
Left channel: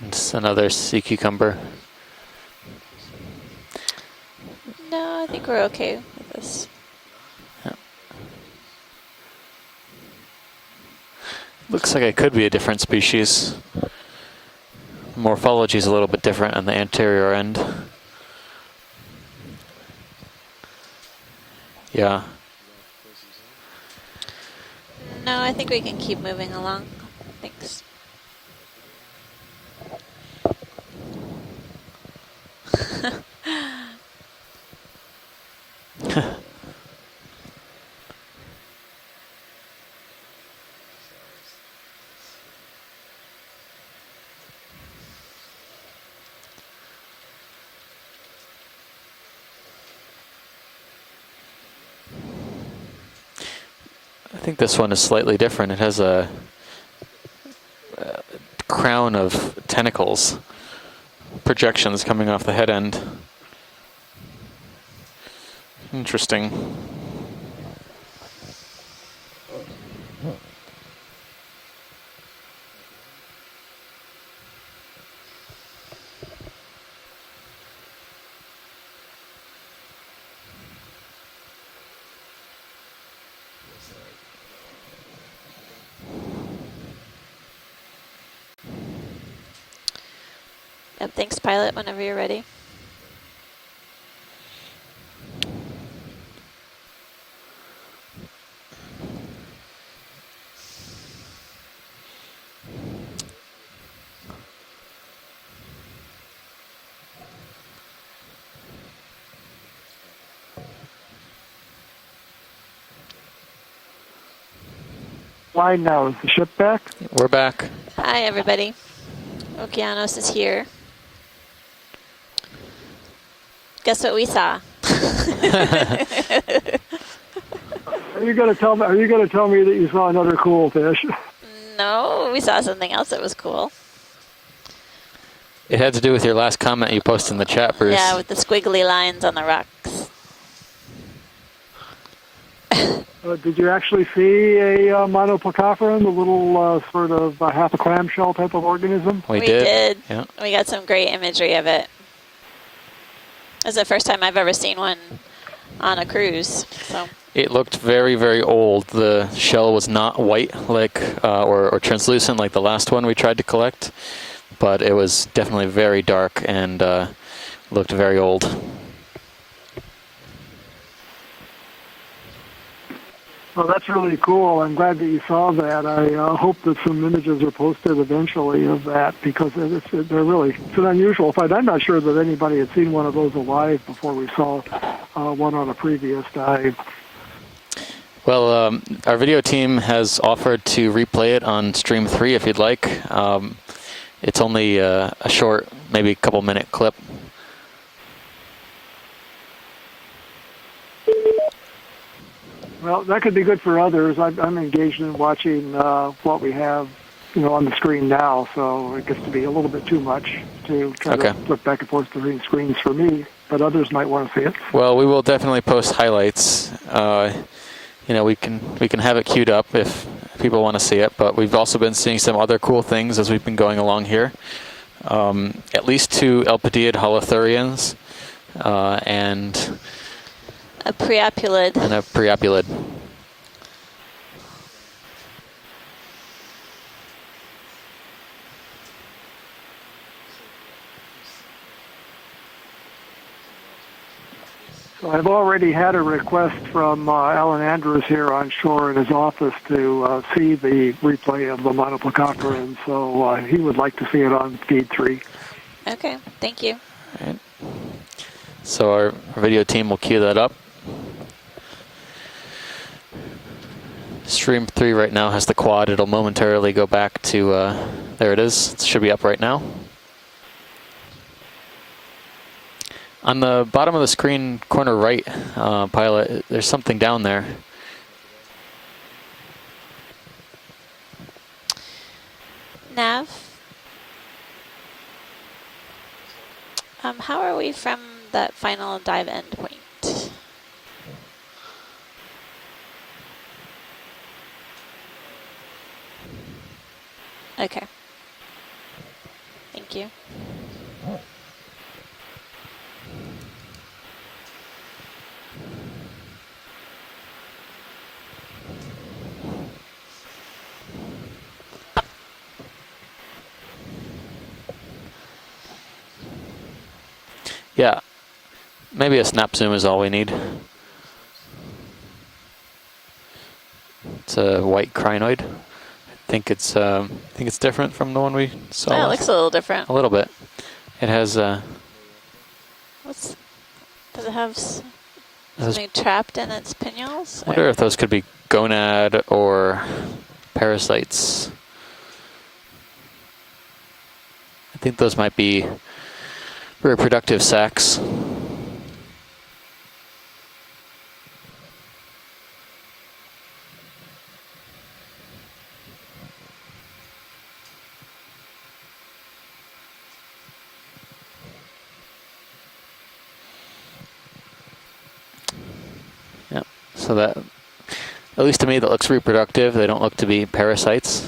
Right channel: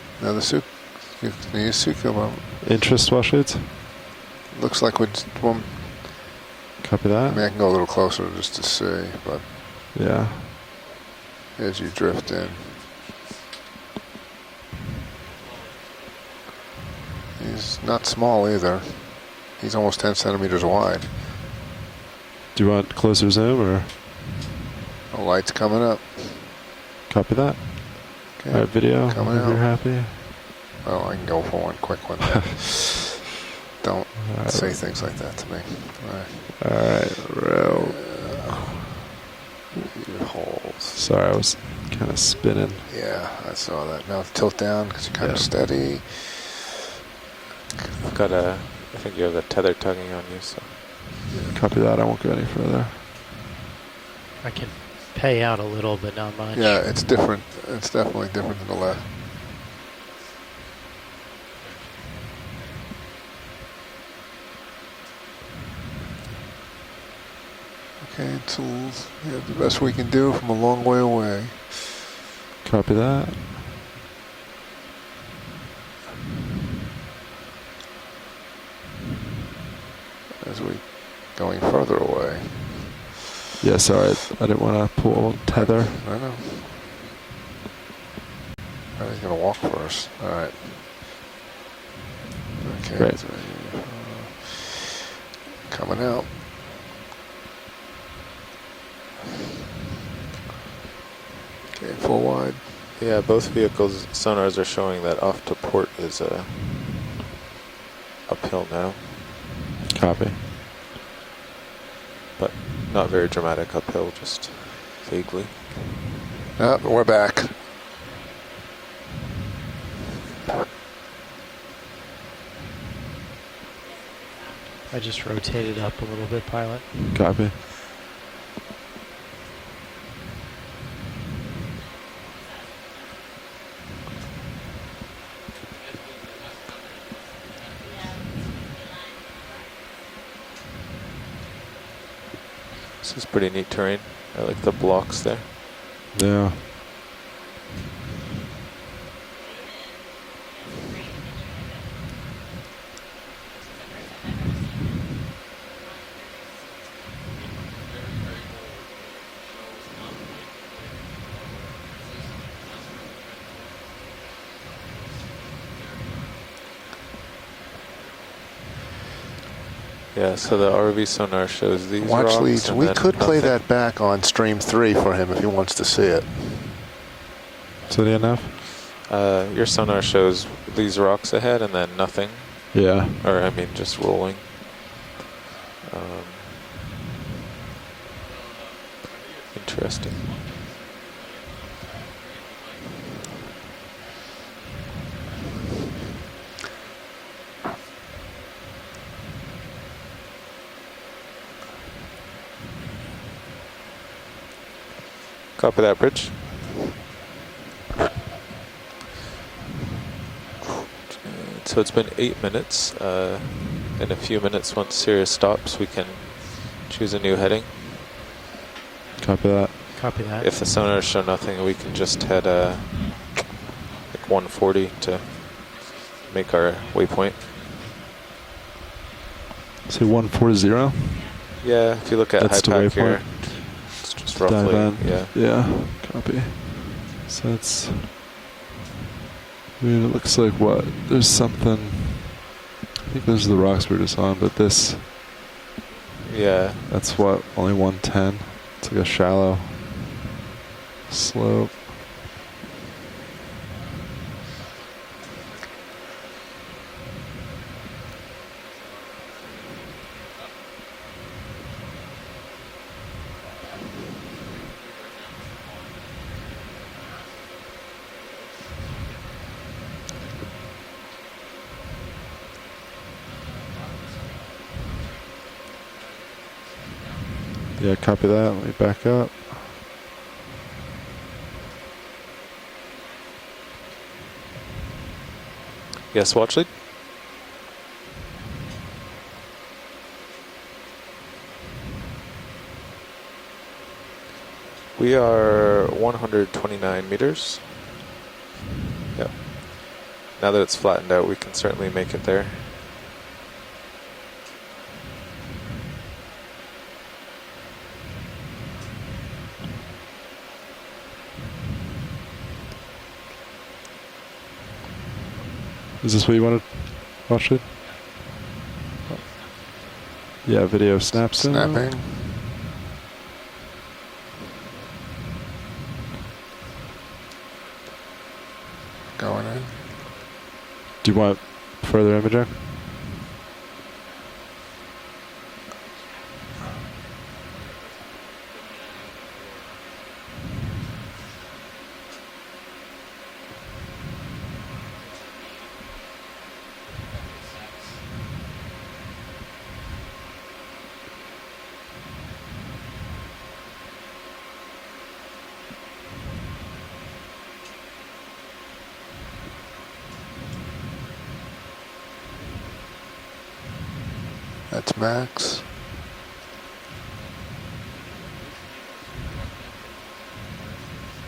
It's Another another sea cucumber. The cucumber. Interest swell shades. Looks like No, we. I think well, we're okay with this. Copy I that. mean, I can go a little closer just to see, but. Yeah. as Looks you like it drift could be a in- different species. Morphology is a little bit different on the anterior end. He's not small either. He's almost 10 centimeters wide. Yeah. Do you want closer zoom or The No, I light's think we coming can up. keep moving along. copy that? Thanks. Okay. All right, video. Coming If you're out. happy. Oh, I can go for one quick one. There. Don't All right. say things like that to me. All right. Row. Your holes. Sorry, I was kind of spinning. Yeah, I saw that. Now tilt down because you're kind Yeah. of steady. I've got a, I think you have the tether tugging on you, so. Copy that. I won't go any further. I think this one is slightly Pay out different. It little has bit, a not much. Yeah, it's different. It's definitely different. crown of tentacles. Projections coming off the head end. Interesting. Okay, so yeah, the best we can do from a long way away. Copy that. As we going further away. Yeah, sorry. I didn't want to pull tether. I know. He's gonna walk for us. All right. Yep, thanks, pilot, whenever you're ready. Okay. Great. So, coming out. Okay, full wide. Yeah, both vehicles' sonars are showing that off to port is uphill now, Copy. but not very dramatic uphill, just vaguely. Wide now. Is the ship back? We're back. We're back. Hi, everybody. Okeanos is here. Guess what we saw? Copy. Are you gonna tell me? Are you gonna tell me that you saw another cool fish? No, we saw something else that was cool. It had to do with your last comment you posted in the chat, Bruce. Yeah, with the squiggly lines on the rocks. This is pretty Did neat you terrain. actually see The a blocks there. monoplacophorus, the little sort of half a clamshell type of organism? We We did. did. Yeah. We got some great imagery of it. It's the first time I've ever seen one on a cruise. So It looked very, very old. The shell was not white like or translucent like the last one we tried to collect, but it was definitely very dark and looked very old. Yeah, so the ROV sonar shows these Watch rocks. leads. and We then could play nothing. that Well, that's back really on cool. stream I'm 3 glad for you him if he saw wants to that. see it. I hope that some images are posted So do you know? eventually of that because your it's sonar a shows really, it's an these unusual rocks sight. ahead I'm and not then sure that nothing. anybody had seen Yeah. one of those Or, I mean, alive just before we rolling. saw one on a previous dive. Well, our video team has offered to replay it on stream 3 if you'd like. It's only a short, maybe a couple minute clip. Well, that could be good for others. I'm engaged in watching Copy that, Rich. what we have, on the screen now, so it gets to be a little bit too much to try Okay. to flip back So and it's been forth between 8 screens minutes. for me, but others might In a want to few see it. minutes. Well, once we will Sirius definitely stops, we post can highlights. Choose a new heading. You know, we can have it Copy queued up that. if Copy that. people If want to the see sonar's it. showing But we've nothing, also we been can seeing just some head, other cool things as we've been going along here. 140 to At least 2 Make our Elpidiid waypoint. holothurians and Say 140. a preopulid. Yeah, And a if you look at preopulid it back waypoint. here, it's just Dive roughly, in. yeah. Yeah. Copy. So it's. I mean, it looks like what? There's something. I think those are the rocks we're just on, but this. I've already had a request Yeah, from that's what, Alan only Andrews here 110. on shore It's in a his bit shallow. office to see the replay of Slow. the monoplacophorus, and so he would like to see it on feed 3. Okay, thank you. so our video team will queue that up. Stream 3 right now has the quad. It'll momentarily go back to, there it is. It should be up right now. On the bottom of the screen, corner right, pilot, there's something down there. Yeah, copy that. Let me back up. Nav, Yes, watch lead. how are we from that final dive end point? We are 129 meters. Okay. Yep. Thank you. Now that it's flattened out, we can certainly make it there. Is this what you wanted? Watch it? Yeah. Maybe a snap zoom is all we need. Yeah, video snaps in. Snapping. It's a white crinoid. I think it's different from the one we saw. Oh, it last looks a time. little different. A little bit. It Do you has. Further imaging? Does it have Those- something trapped in its pinnules? I wonder if those could be gonad or parasites. I think those might be reproductive sacs. That's max. Yep. So that, at least to me, that looks reproductive. They don't look to be parasites.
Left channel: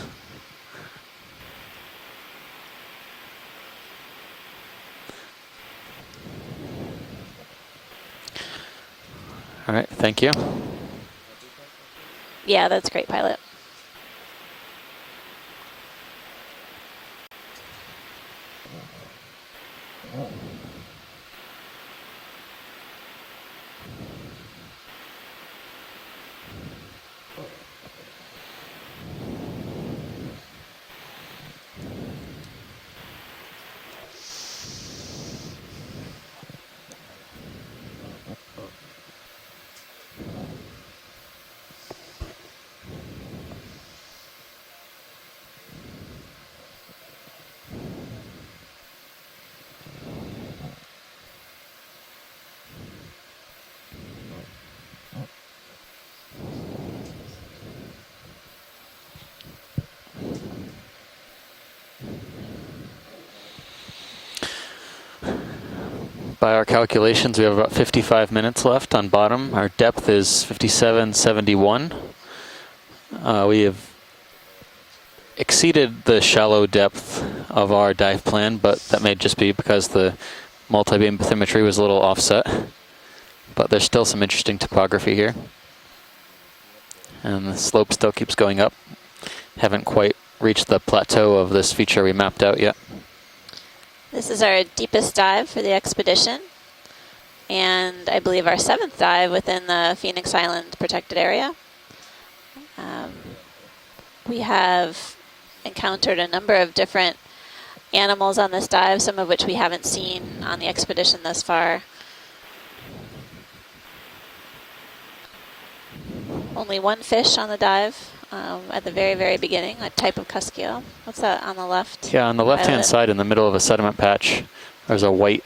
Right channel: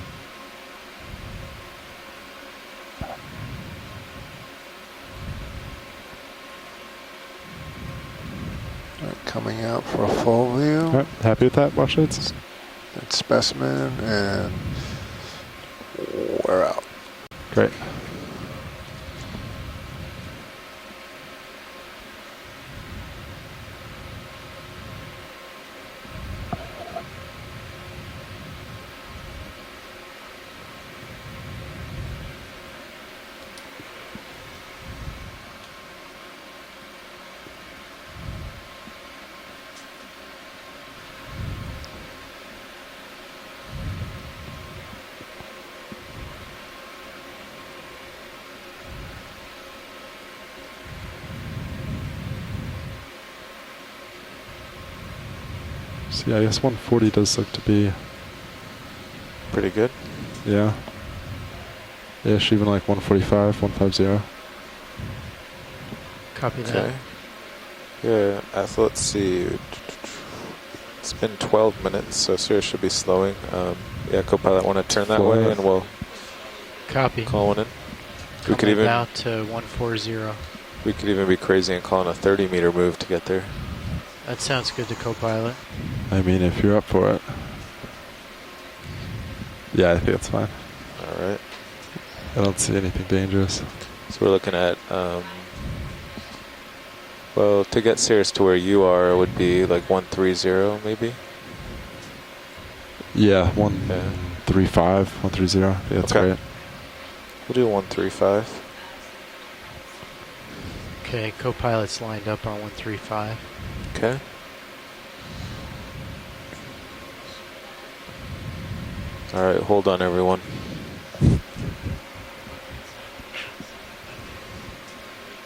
Coming out. All right, for thank you. full view. All right, happy with that? Watch it? Yeah, that's great, pilot. Specimen, and we're out. Great. So yeah, I guess 140 does look to be, Pretty good. yeah. Ish, even like 145, 150. By our calculations, we have about 55 Yeah, minutes so left on let's bottom. see. Our depth is It's been 57.71. 12 minutes, so Sirius should be slowing. We have yeah, co-pilot want to turn that way. exceeded the shallow depth Copy. of our dive plan, but that Down may just to be because the 140. multi-beam telemetry was a little offset. 30-meter move to get there. But there's still some That interesting sounds good, topography here. co-pilot. I mean, if you're up for it. And the slope still keeps going up. Haven't Yeah, I think quite that's fine. reached the plateau of this feature we mapped I don't out see yet. anything dangerous. So This we're is our looking at, deepest dive for the expedition. Well, to And get I Sirius to believe where our you seventh are dive would be within like the Phoenix 130 Island maybe? protected area. Yeah, Yeah. 135, 130. Yeah, Encountered that's a right. number of different We'll do 135. animals on this dive, some of which we haven't seen on the expedition Okay, thus far. co-pilot's lined up on 135. Okay. Only one fish on the dive at the very, very All right, beginning, hold a on, type everyone. of Cuskio. What's that on the left? Yeah, on the left-hand Violet. side in the middle of a sediment patch, there's a white,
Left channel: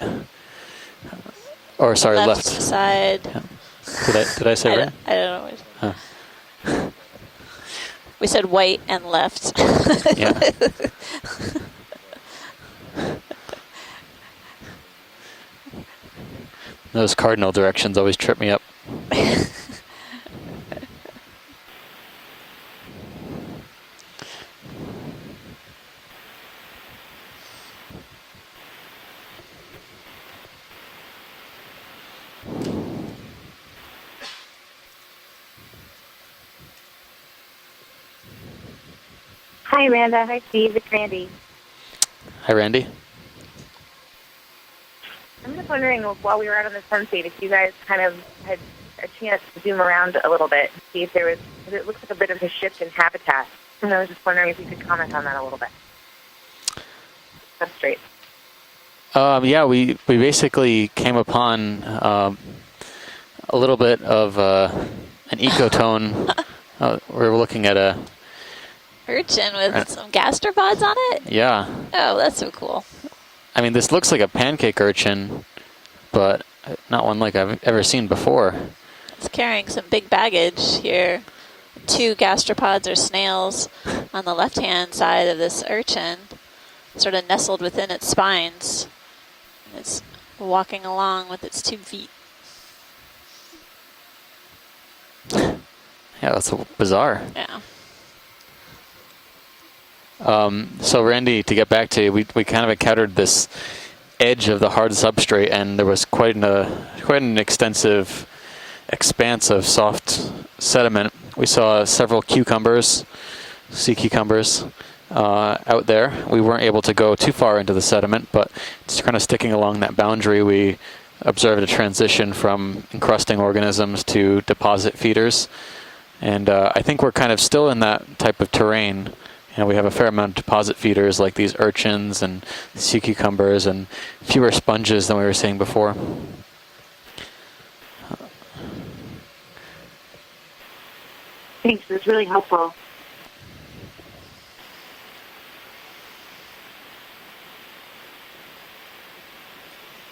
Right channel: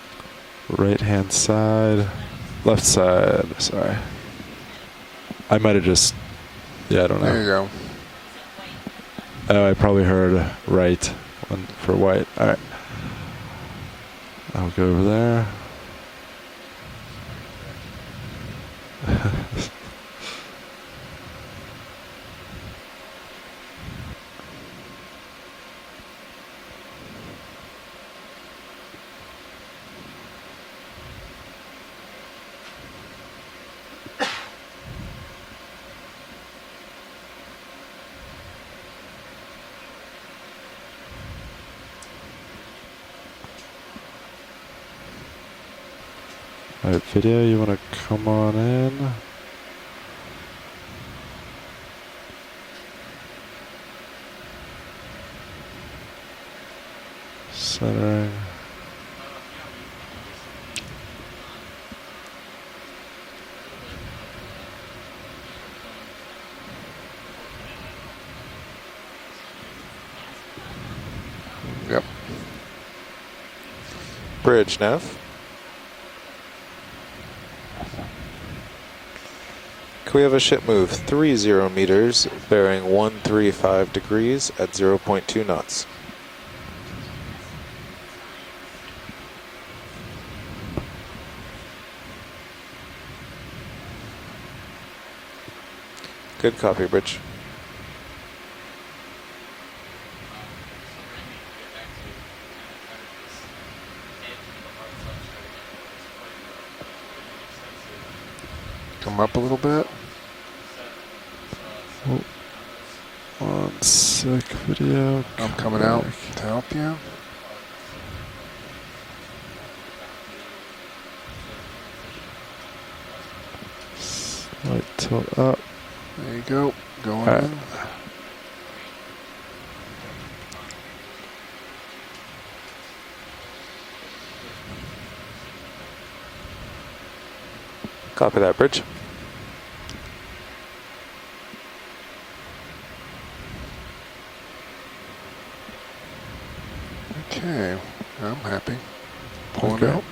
Right hand side. or sorry, Left left. side. Left side. Sorry. Did I say right? I don't know. I might have just. Yeah, I don't There you know. go. We said white and left. I probably heard right for white. All right. I'll go over there. Those cardinal directions always trip me up. Hi, Amanda. Hi, Steve. It's Randy. Hi, Randy. I'm just wondering, while we were out on the All right, sunset, Fidea, you you guys want kind to of come on had in? a chance to zoom around a little bit, see if there was, it looks like a bit of a shift in habitat. And I was just wondering if you could comment on that a little bit. That's great. Sorry. Yeah, we basically came upon a little bit of an ecotone. We were looking at a, Urchin with some gastropods on it? yeah. Oh, that's so cool. I mean, this looks like a pancake Bridge, no? urchin, but not one like I've ever seen before. It's carrying some big Clear the baggage ship move here. 30 meters. Two It's gastropods bearing or snails 135 degrees on the at left-hand side of 0.2 this knots. urchin, sort of nestled within its spines. It's walking along with its 2 feet. Yeah, that's Good copy, bizarre. Rich. Yeah. So Randy, to get back to you, we kind of encountered this edge of the hard substrate, and there was quite an extensive expanse of soft sediment. We saw several cucumbers, sea cucumbers out there. We weren't able to go too far into the sediment, but just kind of sticking along that boundary, we observed a transition from encrusting organisms to deposit feeders. And I think we're kind of still in that type of terrain. You know, we have a fair amount of deposit feeders like these urchins and sea cucumbers and fewer sponges than we were seeing before. Copy that, Bridge. Thanks. It was really helpful. Okay, I'm happy. Pull it Okay. out.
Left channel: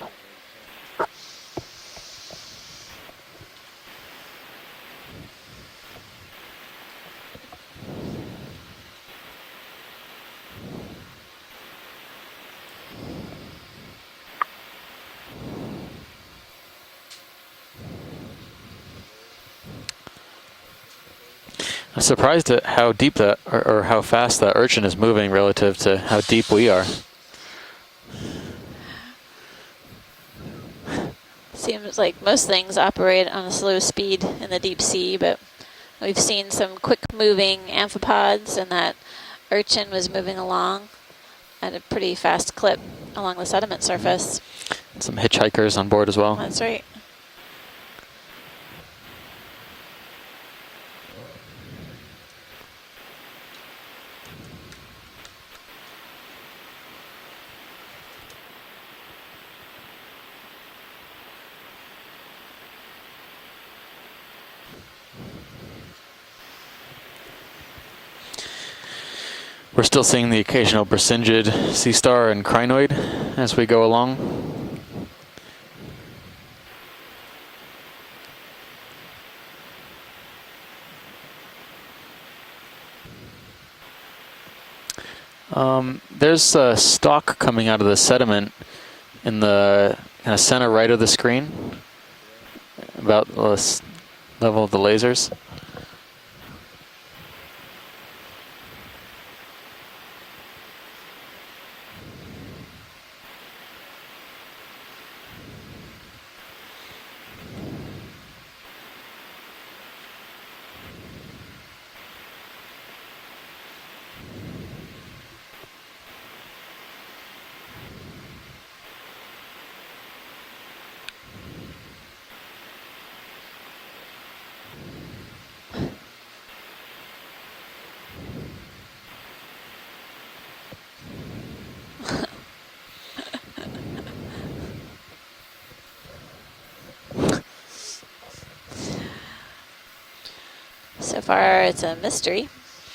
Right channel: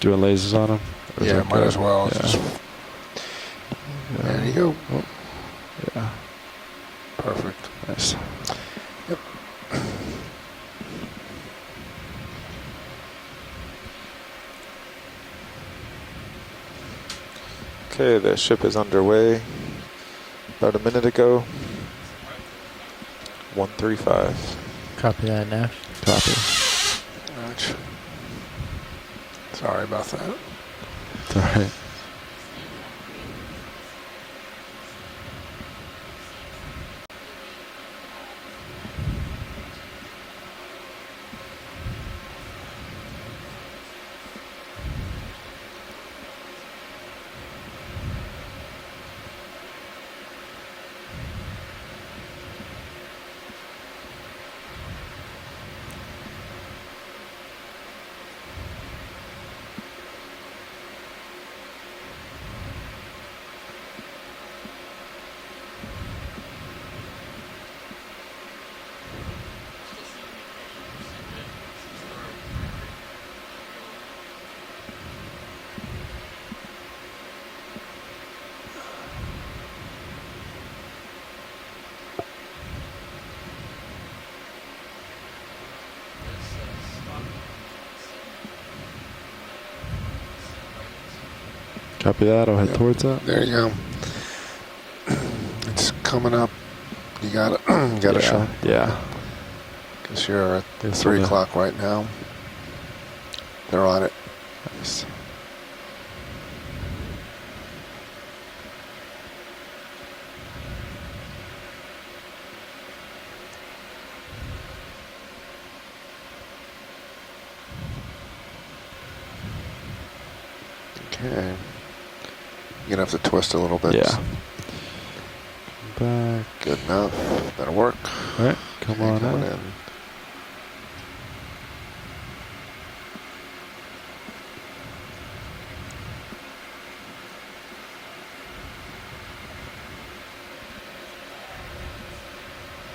Doing lasers on him? Or is Yeah, that might good? as well. Yeah. Just, there you go. Oh. Yeah. Perfect. Nice. Okay, the ship is underway. About a minute ago. I'm surprised at how deep that, or how 135. fast that urchin is moving Copy that, relative to how deep we are. Ouch. Sorry about that. All right. Seems like most things operate on a slow speed in the deep sea, but We've seen some quick moving amphipods, and that urchin was moving along at a pretty fast clip along the sediment surface. Some hitchhikers on board as well. That's right. We're still seeing the occasional Brisingid sea star and crinoid as we go along. There's a stalk coming out of the sediment in the center right of the screen. Copy that. I'll head towards About that. There you the level of the lasers. It's coming up. You got it. You got a shot. Yeah. Because you're at This 3 one, o'clock right now. They're on it. Nice. Okay. You're going to have to twist a little bit. Yeah. Back. Good enough. That'll work. All right. Come on Coming in. in. So far, it's a mystery.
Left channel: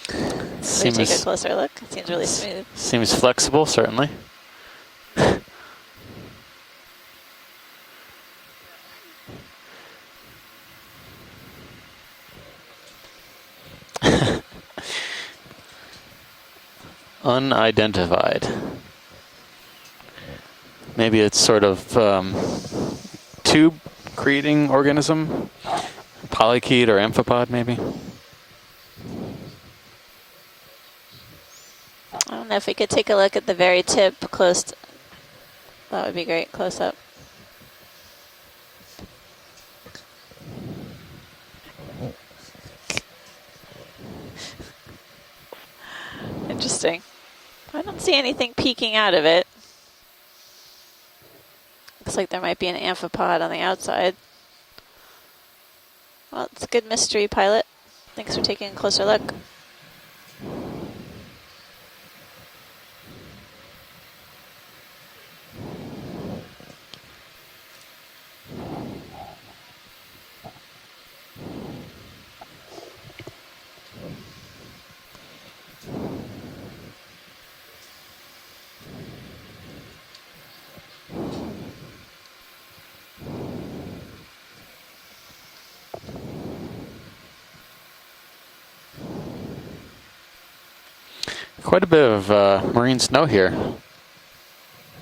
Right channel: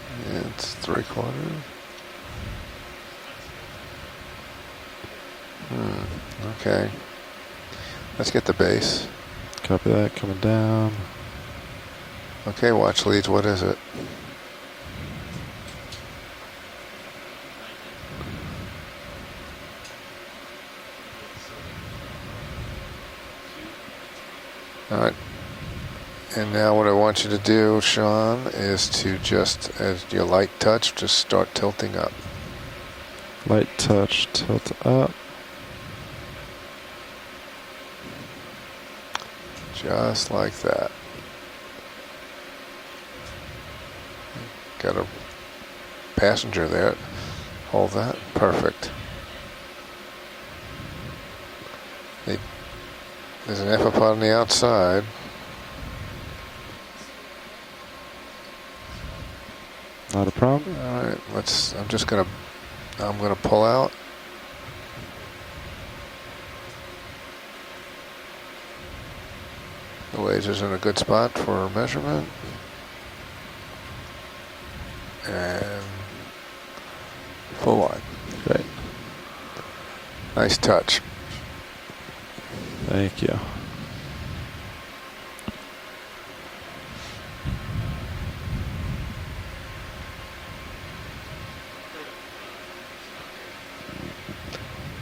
Let's take a Seems, closer look. It seems really smooth. seems flexible, certainly. Okay. Let's get the base. Copy that. Coming down. Okay, watch leads. What is it? Unidentified. Maybe it's sort of tube creating organism. And now Polychaete what or I want you to amphipod, do, maybe? Sean, is to just, as your light touch, just start tilting up. I don't know if we could take a look at the Light very touch, tip close. tilt up. That would be great, close up. Just like that. Got a passenger there. Interesting. Hold I that. don't see anything Perfect. peeking out of it. Looks like there Think- might be an amphipod on There's the an amphipod outside. on the outside. Well, it's a good mystery, pilot. Thanks for taking a closer look. Not a problem. All right, I'm gonna pull out. The laser's in a good spot for measurement. And full on. Great. Nice touch. Thank you. Quite a bit of marine snow here.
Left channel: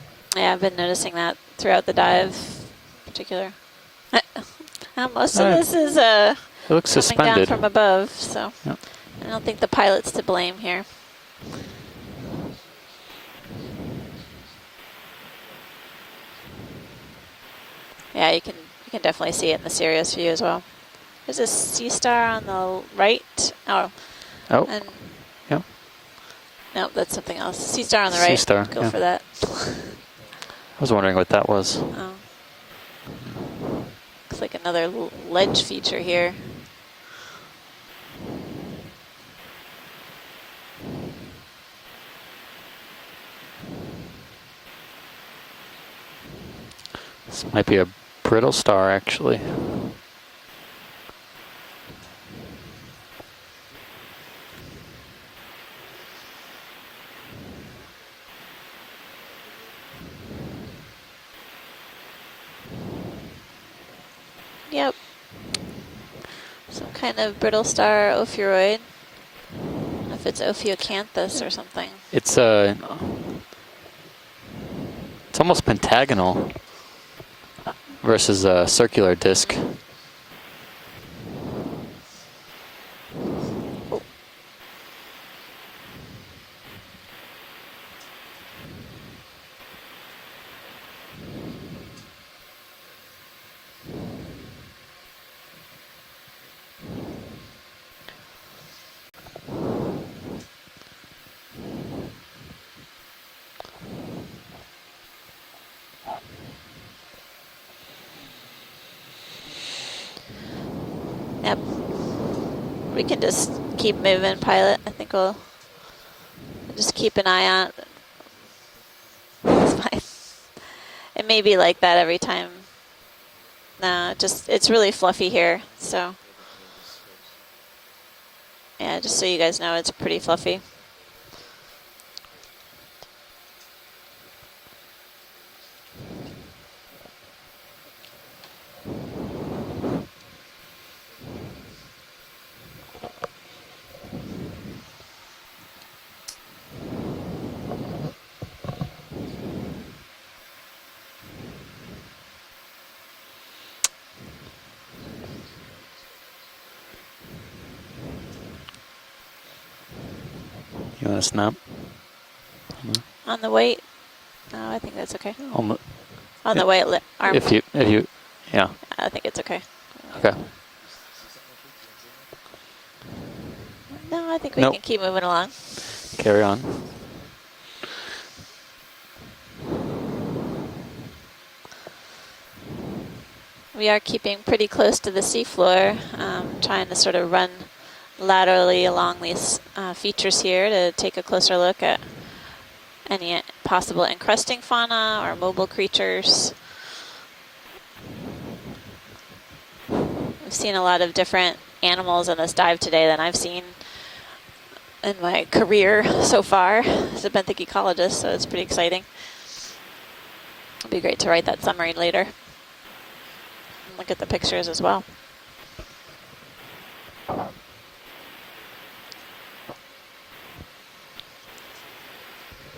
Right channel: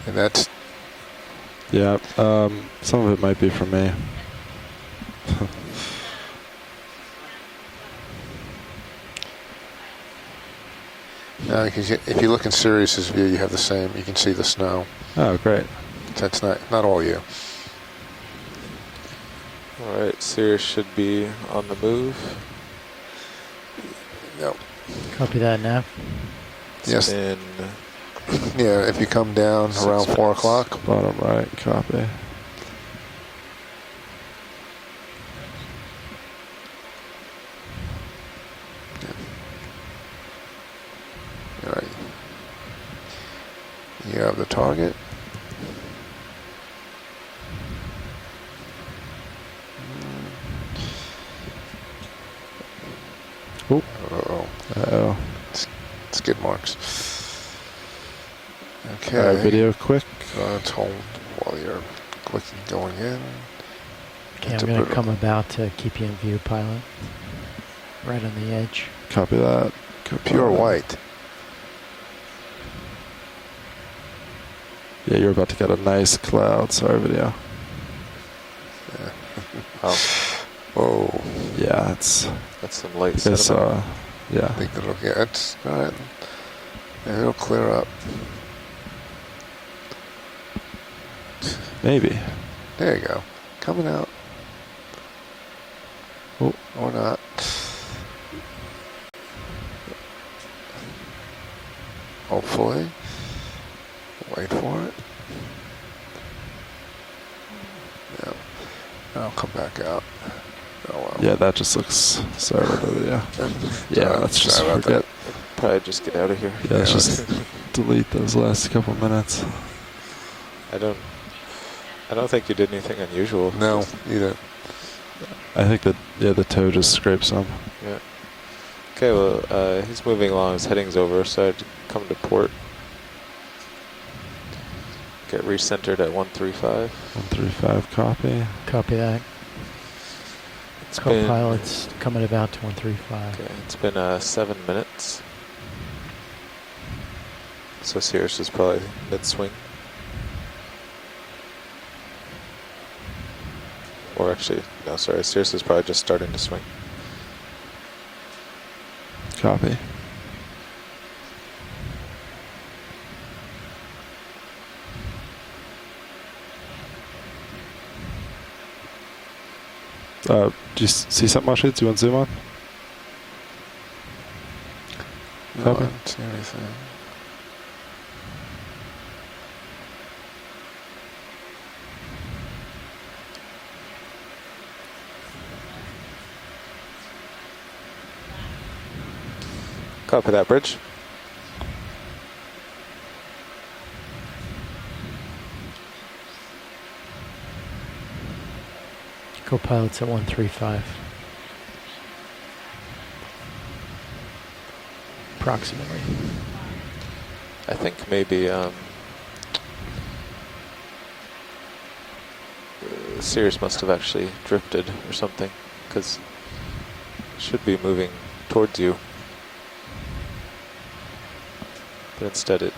And that's Yeah, I've been noticing that throughout the dive. Some of it might be from me. Most of this is It looks coming suspended. down from above, so Yep. I don't think the pilot's to blame here. no, because if you look in Sirius's view, you have the same. You can see the snow. Oh, great. That's not all you. Yeah, you can definitely see it in the Sirius Alright, view as well. Sirius should be There's a on the sea move. star on the right. Oh, Yep. Oh. and Copy that now. no, Yes. there's something And, else. Sea star on the right. Sea star. Yeah, Copy if you that. come down around 4 o'clock. I was wondering what that was. Copy. Looks like another ledge feature here. All right. You have the target. This might be a brittle star, actually. Uh-oh. Uh-oh. Skid marks. All right, Okay. video quick. Let's hold while you're clicking going in. Okay, I'm That's a going to bit- come about to keep you in view, pilot. Some kind of brittle star Right on the ophiuroid. edge. Copy that. I think Pure white. Ophiocanthus or something. It's Yeah, you're It's about almost to get a nice pentagonal. cloud. Sorry, video. versus a circular disc. Oh, Whoa. Yeah, it's that's some light this. sediment. Yeah. I think it'll get it's all right. Yeah, it'll clear up. Maybe. There you go. Coming out. Oh. Or not. Hopefully. Wait for it. Yep. I'll come back out. Oh, well. Yeah, that Yep. just looks. Sorry about that. We yeah. can just keep Yeah, moving, let's just pilot. I forget. think we'll Probably just get out of here. Yeah, let's just keep an eye on. delete those last couple minutes. It's fine. I don't. It may be like that I every don't time. think you did anything unusual. No, No, either. just it's really fluffy here. I think that so yeah, the toe just scrapes some. Yeah. yeah, Okay, just so well, you guys know, it's he's pretty moving along. fluffy. His heading's over, so I'd come to port. Get recentered at 135. 135 copy. Copy that. It's been, Co-pilot's coming about to 135. okay, it's been 7 minutes. So Cirrus is probably mid-swing. Or actually, no, sorry, Cirrus is probably just starting to swing. Copy. You want to snap? On the weight, no, I think that's okay. On the, On the weight, arm, if you, yeah. I think it's okay. Okay. Do you see something, Mashi? Do you want to zoom on? No, I think we Nope. can keep moving along. Copy. Carry on. We are keeping pretty close to the seafloor, trying to sort of run laterally along these features that, here Bridge. to take a closer look at any possible encrusting fauna or mobile creatures. Co-pilot's at 135. Seen a lot of different animals in this dive today than I've seen in my Approximately. career so far as a benthic think ecologist, so it's maybe, pretty exciting. It'd be great to write that summary later. Cirrus must have Look at actually the pictures as drifted well. or something, because it should be moving towards you. But instead it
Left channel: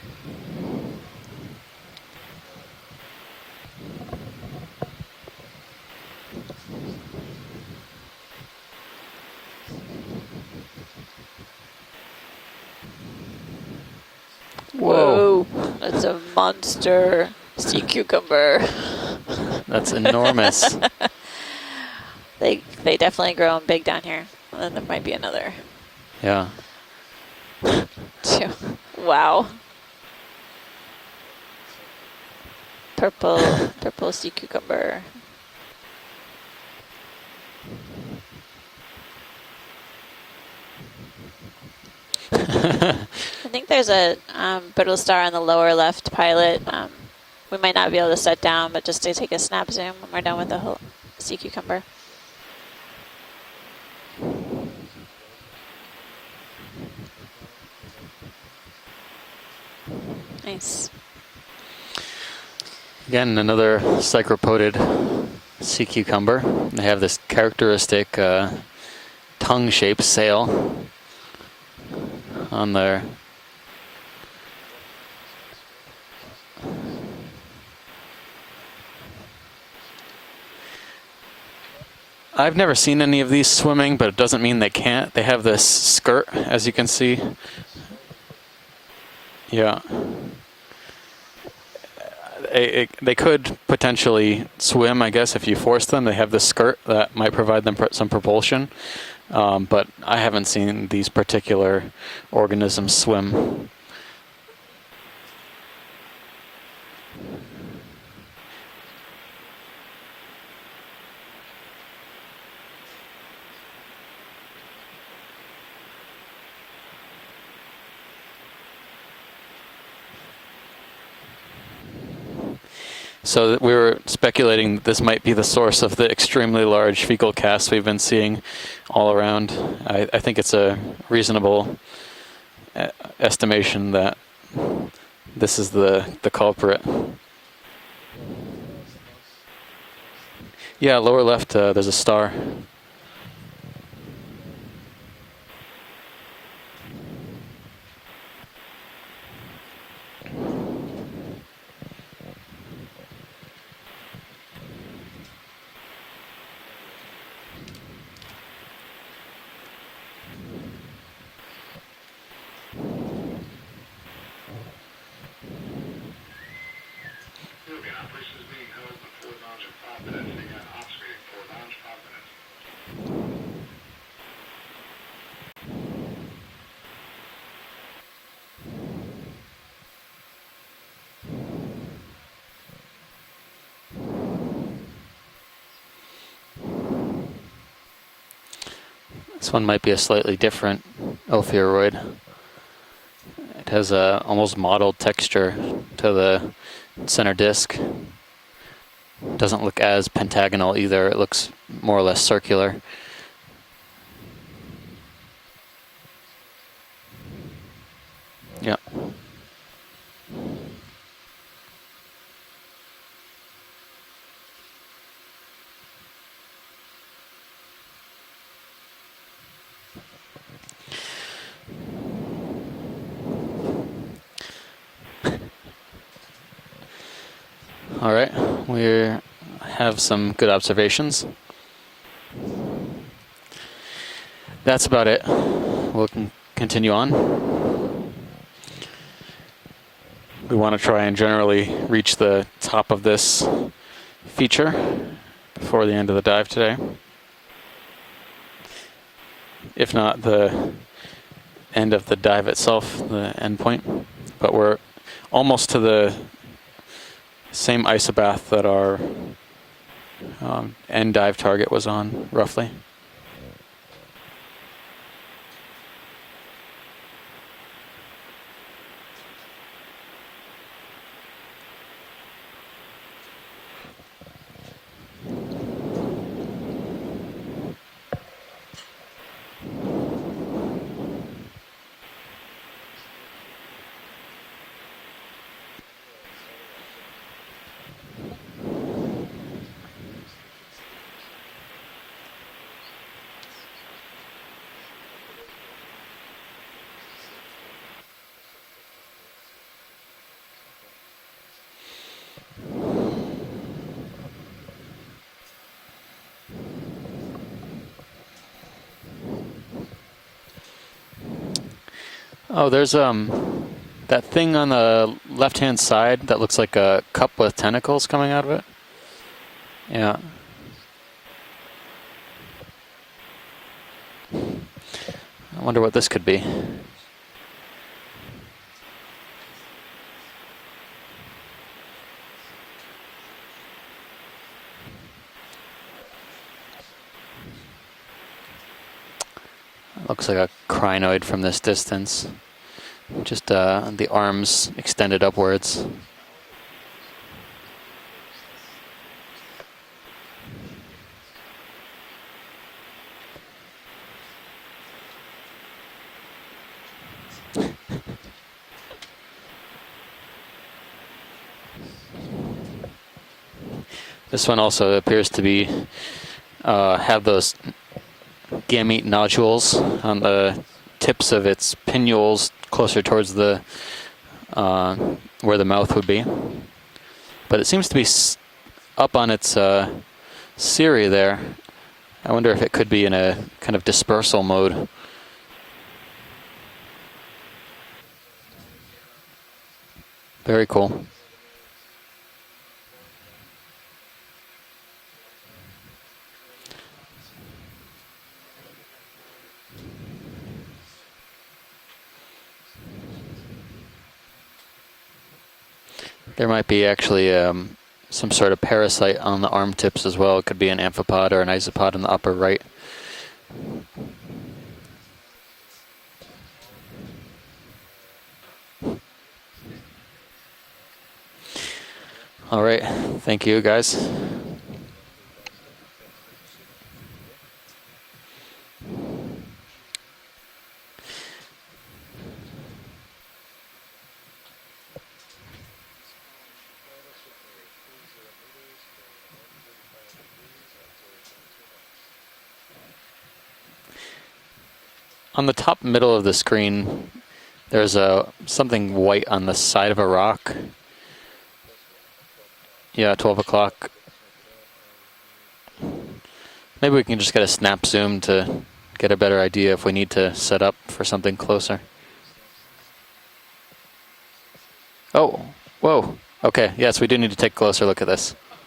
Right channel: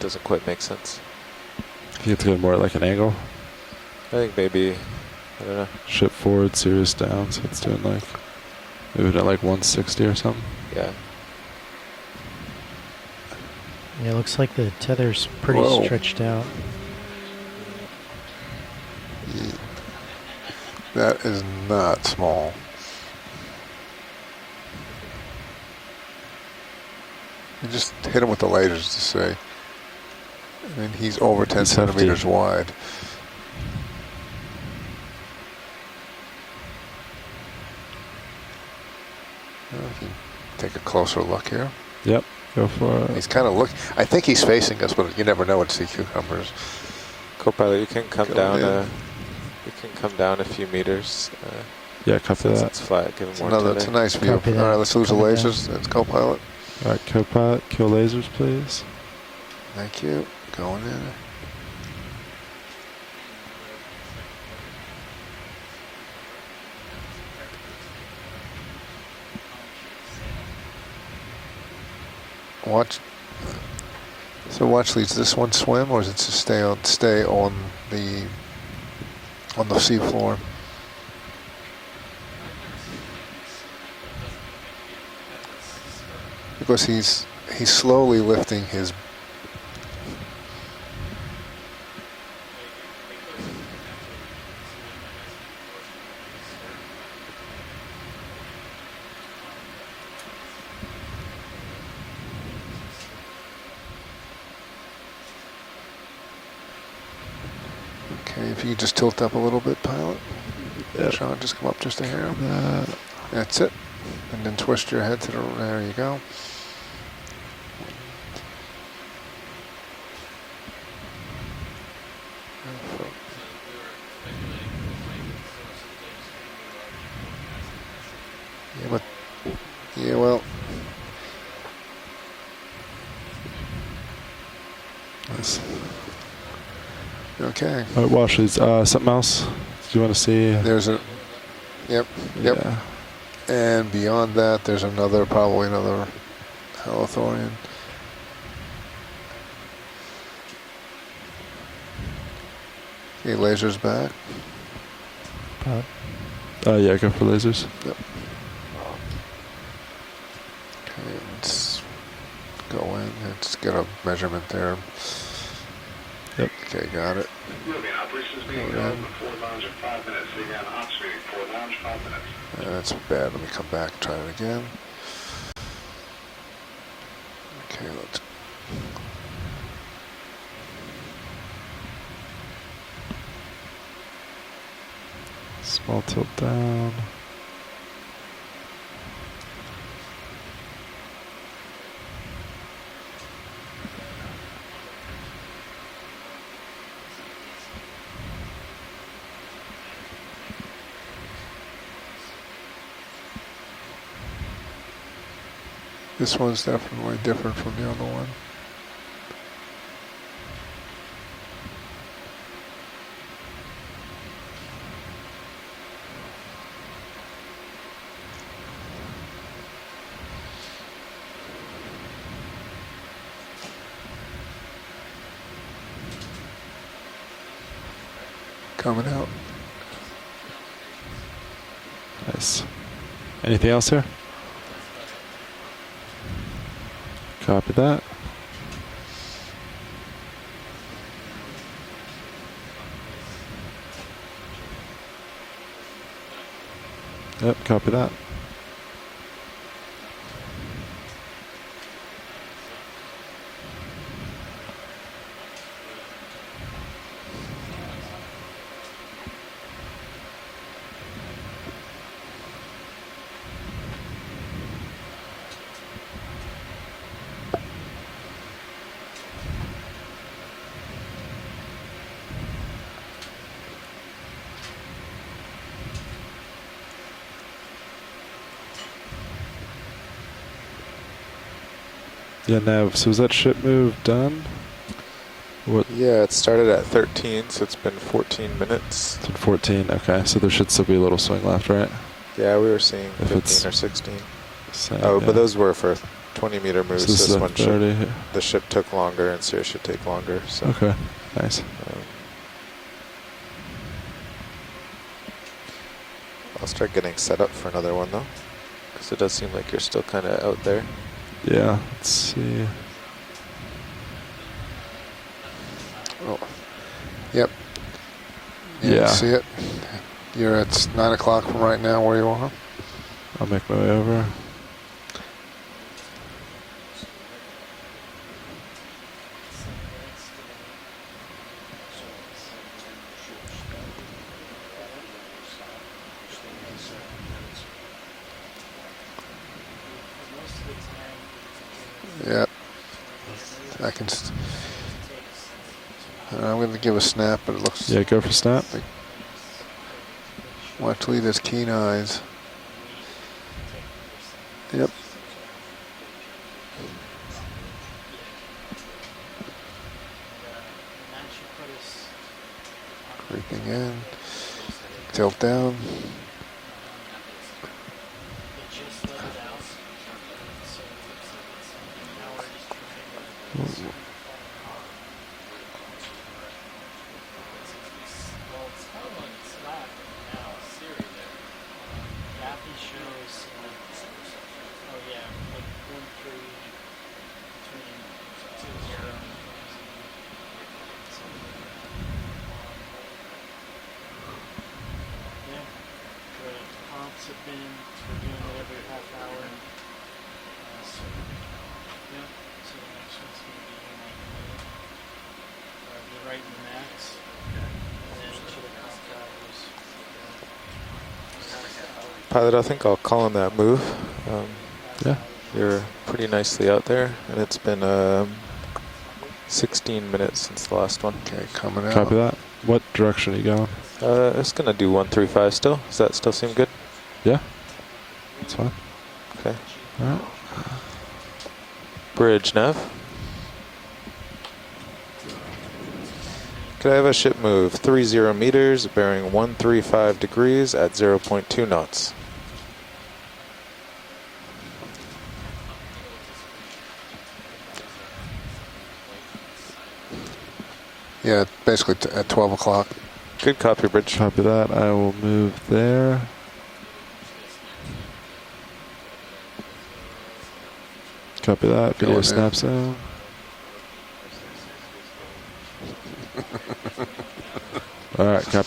doesn't quite make sense. You have to go more like an angle. I think maybe, I don't know. Ship forward, Sirius down, so it's doing like maybe at like 160 or something. Yeah. Yeah, it looks like the Whoa, titter's pretty it's stretched a out. monster sea cucumber. That's enormous. That is not small. They definitely grow 'em big down here. And then there might be another. Yeah. Just hit him with the lasers. To see. Wow, I mean, he's over 10 He's hefty. centimeters wide. purple sea cucumber. Take a closer look here. Yep. He's kind I of think looking. there's I a think he's facing us, brittle but star you in never the know. lower with sea left cucumbers. pilot. We might not be able to come set down, uh, but just to take a snap zoom. come We're down down with a the few whole meters. sea cucumber. Yeah, copy Since that. it's flat, give him more It's a time. nice view. Copy All that. right, let's lose the Coming down. lasers. Let's go, pilot. All right, co-pilot, kill lasers, please. Thank you. Nice. Going in. Again, another cycropodid sea cucumber. They have this characteristic tongue-shaped sail on Watch. their. So watch, does this one swim, or is it to stay on the seafloor? I've never seen any of these swimming, but it doesn't mean they can't. They have this skirt, as you can see. He's slowly lifting his. Yeah. They could potentially swim, I guess, if you force them. They have this skirt that might provide them some propulsion. But I haven't seen these particular organisms swim. Okay, if you could just tilt up a little bit, pilot. Yep. Sean, just come up just a hair. That. That's it. And then twist your head to the. There you go. So we were speculating this might be the source of the extremely large fecal casts we've been seeing all around. I well- think it's a reasonable estimation that this is the culprit. Okay. All right, watch these. Something else? Do you want to see? There's Yeah, a, lower left, there's a Yep. star. Yep. Yeah. and beyond that, there's probably another halothorian. Okay, lasers back. Pilot. Yeah, go for lasers. Yep. Okay, let's go in and just get a measurement there. Yep. Okay, got it. That's bad. Let me come back and try it again. Okay, let's Small tilt down. This one might be a slightly different ophiuroid. It has a almost mottled texture to the center disc. Doesn't look as pentagonal either. It looks more or less circular. This one's definitely different from the other one. Yeah. All right, we Coming out. have some good observations. Nice. Anything else here? That's about it. We'll continue on. Copy that. We want to try and generally reach the top of this feature before the end of the dive today. Yep, copy that. If not the end of the dive itself, the end point. But we're almost to the same isobath that our end dive target was on, roughly. Yeah, Nav, so is that ship move done? What? Yeah, it started at 13, so it's been 14 minutes. It's 14, okay, so there should still be a little swing left, right? Yeah, we were seeing If 15 it's or 16. Same, Oh, yeah. but those were for 20-meter moves. So this is This a one 30. the ship took longer, and Sears should take longer. So. Okay, nice. I'll start getting set up for another one though, because it does seem like you're still kind of out there. Yeah, let's see. Oh, there's that thing on the left-hand side that looks like a cup Yep. with tentacles coming out of it. Yeah. Yeah. See it? Yeah. You're at 9 o'clock from right now where you are. I'll make my way over. I wonder what this could be. Looks like a crinoid from this distance. Yeah. Just I the guess. arms extended upwards. I'm going to give a snap, but it looks Yeah, go for snap. Watch Lee has keen eyes. Yep. Creeping in. This one also appears Tilt to be down. have those gamete nodules on the tips of its pinnules closer towards the where the mouth would be. But it seems to be up on its cirri there. I wonder if it could be in a kind of dispersal mode. Very cool. There might be actually some sort of parasite on the arm tips as well. It could be an amphipod or an isopod in the upper Pilot, right. I think I'll call on that move. Yeah. You're pretty nicely out there, and it's been 16 minutes since the last one. Okay, coming out. Copy that. All right. What direction Thank are you you, going? guys. It's gonna do 135 still. Does that still seem good? Yeah, that's fine. Okay. All right. Bridge nav. Could I have a ship move 30 meters, bearing 135 degrees at 0.2 knots? On the top middle of the screen, there's something white on the side of a rock. Yeah, basically at 12 o'clock. Yeah, 12 Good o'clock. copy, Bridge. Copy that. I will move there. Maybe we can just get a snap zoom to get a better idea if we need to set up for something Copy closer. that. Video Going in. snaps in. Oh, whoa. Okay, yes, we do need to take a closer look at this. All right, copy